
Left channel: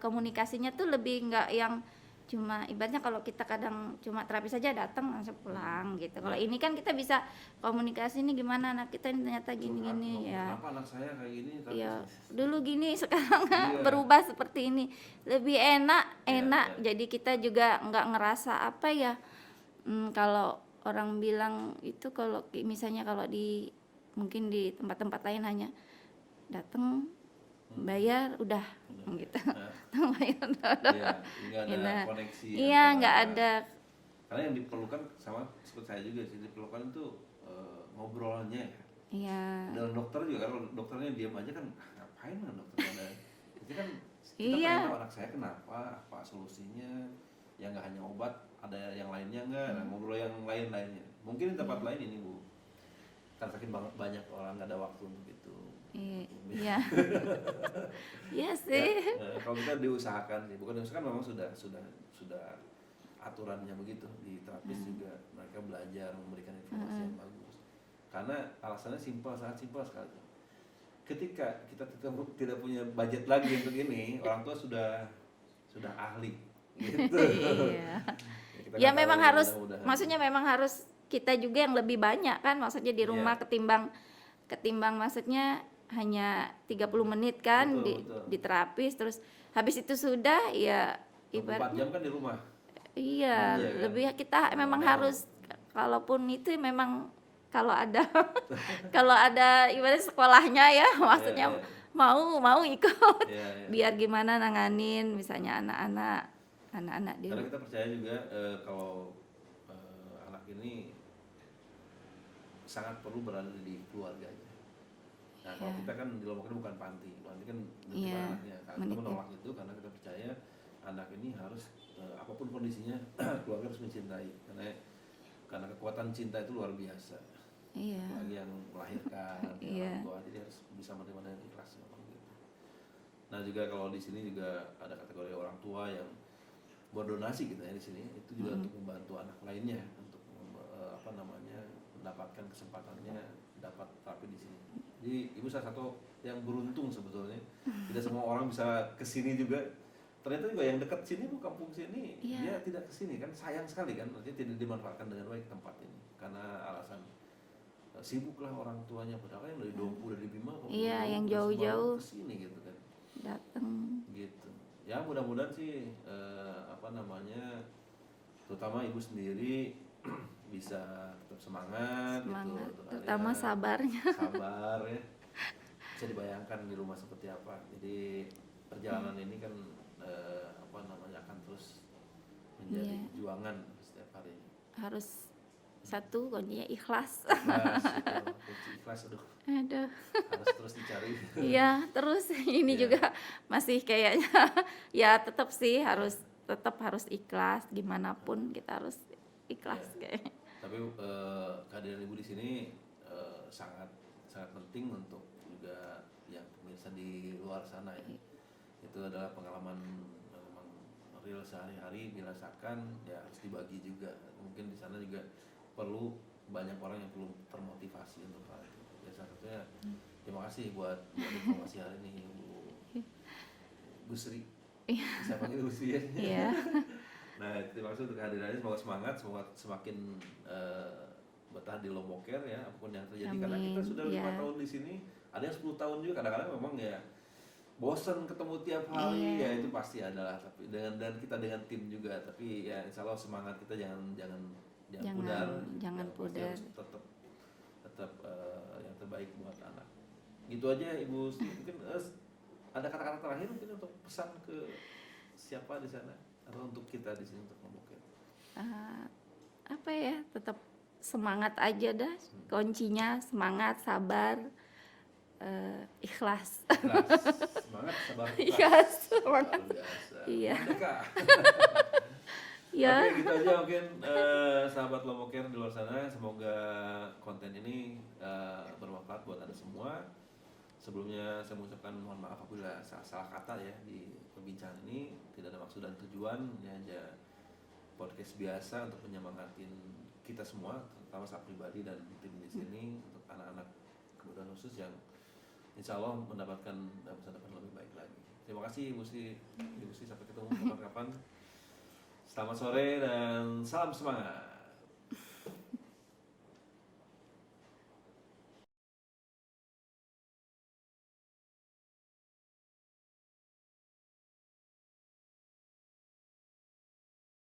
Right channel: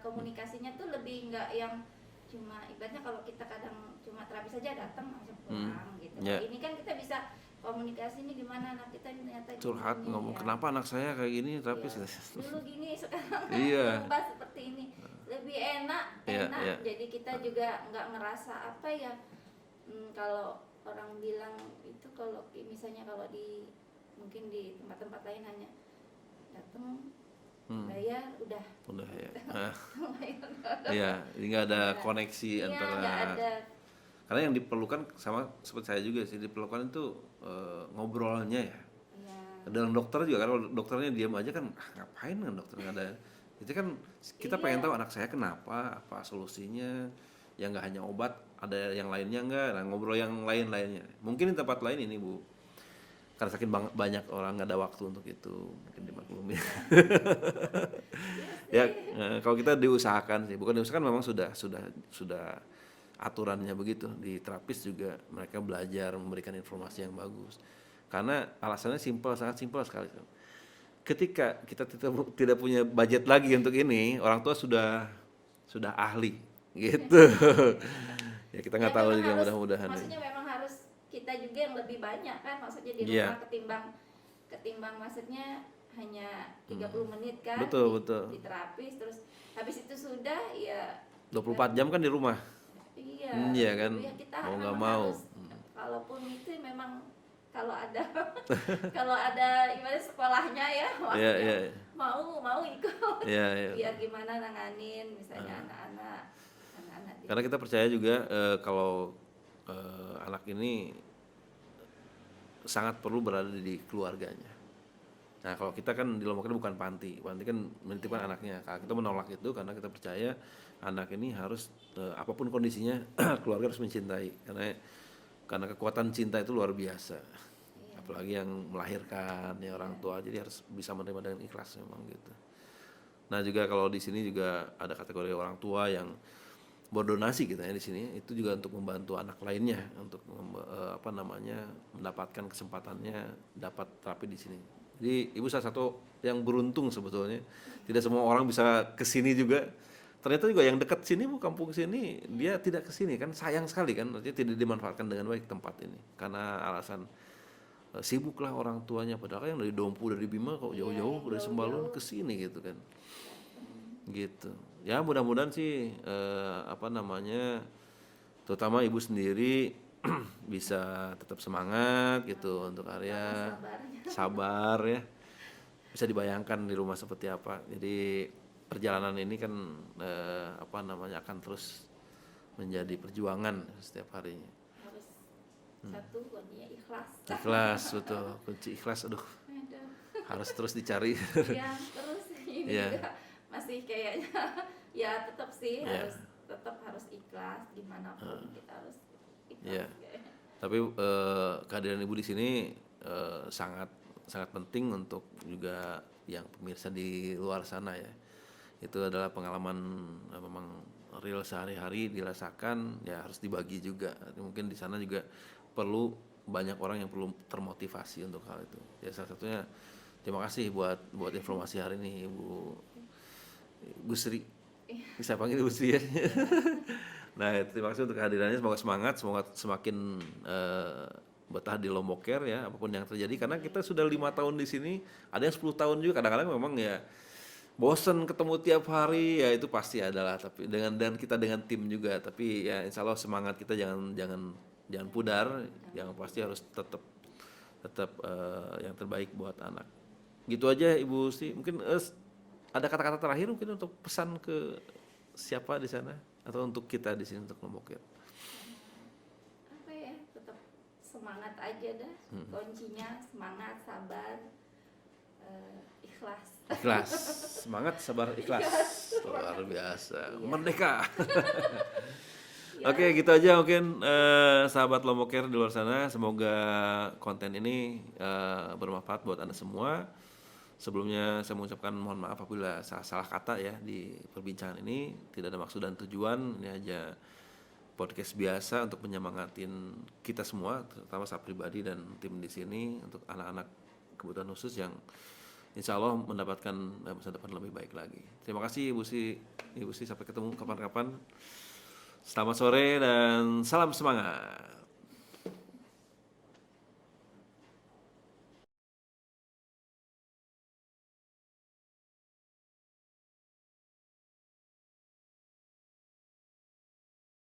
komunikasinya tuh lebih nggak yang cuma ibaratnya kalau kita kadang cuma terapis saja datang langsung pulang gitu. Kalau ini kan kita bisa komunikasi nih gimana anak kita ini ternyata gini ya. Kenapa anak saya kayak gini terapis? Dulu gini, sekarang berubah seperti ini. Lebih enak. Jadi kita juga nggak ngerasa apa ya. Kalau orang bilang itu kalau misalnya kalau mungkin di tempat-tempat lain hanya datang bayar udah gitu. Bayar udah. Iya, nggak ada koneksi nggak ada. Karena yang diperlukan sama seperti saya juga sih, diperlukan itu ngobrolnya ya. Iya. Dengan dokter juga, kalau dokternya diam aja kan ngapain kan dokternya ada. Itu kan kita pengen tahu anak saya kenapa, apa solusinya. Ya nggak hanya obat, ada yang lainnya nggak. Nah, ngobrol yang lainnya. Mungkin di tempat lain ini Bu, karena saking banyak orang nggak ada waktu untuk itu. Iya. Iya sih. Kalau kita diusahakan sih, bukan diusahakan, memang sudah aturannya begitu. Di terapis juga mereka belajar memberikan informasi yang bagus. Karena alasannya sangat simpel sekali. Ketika kita tidak punya budget lagi untuk ini, orang tua sudah ahli gitu. Ya kita nggak tahu memang juga, harus, mudah-mudahan. maksudnya memang harus kita juga yang lebih banyak kan, maksudnya di rumah ketimbang maksudnya hanya 30 menit kan. Betul. Di terapis, terus habis itu sudah ya 24 jam kan di rumah. Iya kan? Lebih kita memang harus, kalaupun itu memang kalau ada kalau ada ibarat sekolahnya ya, maksudnya mau ikut. Biar gimana nanganin misalnya anak-anak di. Karena kita percaya juga kalau anak ini sangat perlu berada di keluarganya. Nah, kalau kita kan di Lombok bukan panti kan menitipkan anaknya. Kita menolak itu karena kita percaya anak ini harus apapun kondisinya keluarga harus mencintai karena kekuatan cinta itu luar biasa. Iya. Apalagi yang melahirkan ya Iya. orang tua, jadi harus bisa menerima dengan ikhlas memang gitu. Nah juga kalau di sini juga ada kategori orang tua yang berdonasi gitu ya di sini, itu juga untuk membantu anak lainnya untuk mendapatkan kesempatannya dapat terapi di sini. Jadi ibu salah satu yang beruntung sebetulnya. Tidak semua orang bisa ke sini juga. Ternyata juga yang dekat sini bu, kampung sini dia tidak ke sini kan, sayang sekali kan, artinya tidak dimanfaatkan dengan baik tempat ini karena alasan sibuk lah orang tuanya, padahal kan yang dari Dompu dari Bima kalau Iya, jauh-jauh yang dari Sembalun jauh-jauh ke sini gitu kan. datang. Gitu. Ya mudah-mudahan sih terutama ibu sendiri bisa tetap semangat gitu untuk Terutama Arya. sabarnya. Sabar ya. Bisa dibayangkan di rumah seperti apa. Jadi perjalanan ini kan akan terus menjadi perjuangan setiap harinya. Harus satu kuncinya ikhlas. Ikhlas betul. Kunci ikhlas aduh Aduh. harus terus dicari. Iya, terus ini Iya. juga masih kayaknya ya tetap sih Iya. tetap harus ikhlas gimana pun kita harus ikhlas kayak. Tapi kehadiran ibu di sini sangat sangat penting untuk juga yang pemirsa di luar sana ya. Itu adalah pengalaman memang real sehari-hari dirasakan, ya harus dibagi juga. Mungkin di sana juga perlu banyak orang yang perlu termotivasi untuk hal itu. Ya salah satunya terima kasih buat informasi hari ini Bu Sri. Saya panggil Bu Sri ya. Iya. Nah, terima kasih untuk kehadirannya. Semoga semangat, semoga semakin betah di Lombok Care ya, apapun yang terjadi. Karena kita sudah 5 tahun di sini, ada yang 10 tahun juga. Kadang-kadang memang ya bosen ketemu tiap hari, ya itu pasti adalah. Tapi dan kita dengan tim juga. Tapi ya insya Allah semangat kita jangan pudar. Yang pasti harus tetap yang terbaik buat anak. Gitu aja Ibu Sri. Mungkin ada kata-kata terakhir mungkin untuk pesan ke siapa di sana atau untuk kita di sini untuk Lombok Care. Apa ya, tetap semangat aja dah. Kuncinya semangat, sabar, ikhlas. Ikhlas, semangat, sabar, ikhlas. Ikhlas, Luar biasa. Iya. Merdeka. Ya. Oke, gitu aja mungkin sahabat Lombok Care di luar sana. Semoga konten ini bermanfaat buat Anda semua. Sebelumnya saya mengucapkan mohon maaf apabila salah kata ya di perbincangan ini. Tidak ada maksud dan tujuan, ini aja podcast biasa untuk menyemangatin kita semua, terutama saya pribadi dan tim di sini untuk anak-anak kebutuhan khusus yang insya Allah mendapatkan masa depan lebih baik lagi. Terima kasih Ibu Sri, sampai ketemu kapan-kapan. Selamat sore dan salam semangat.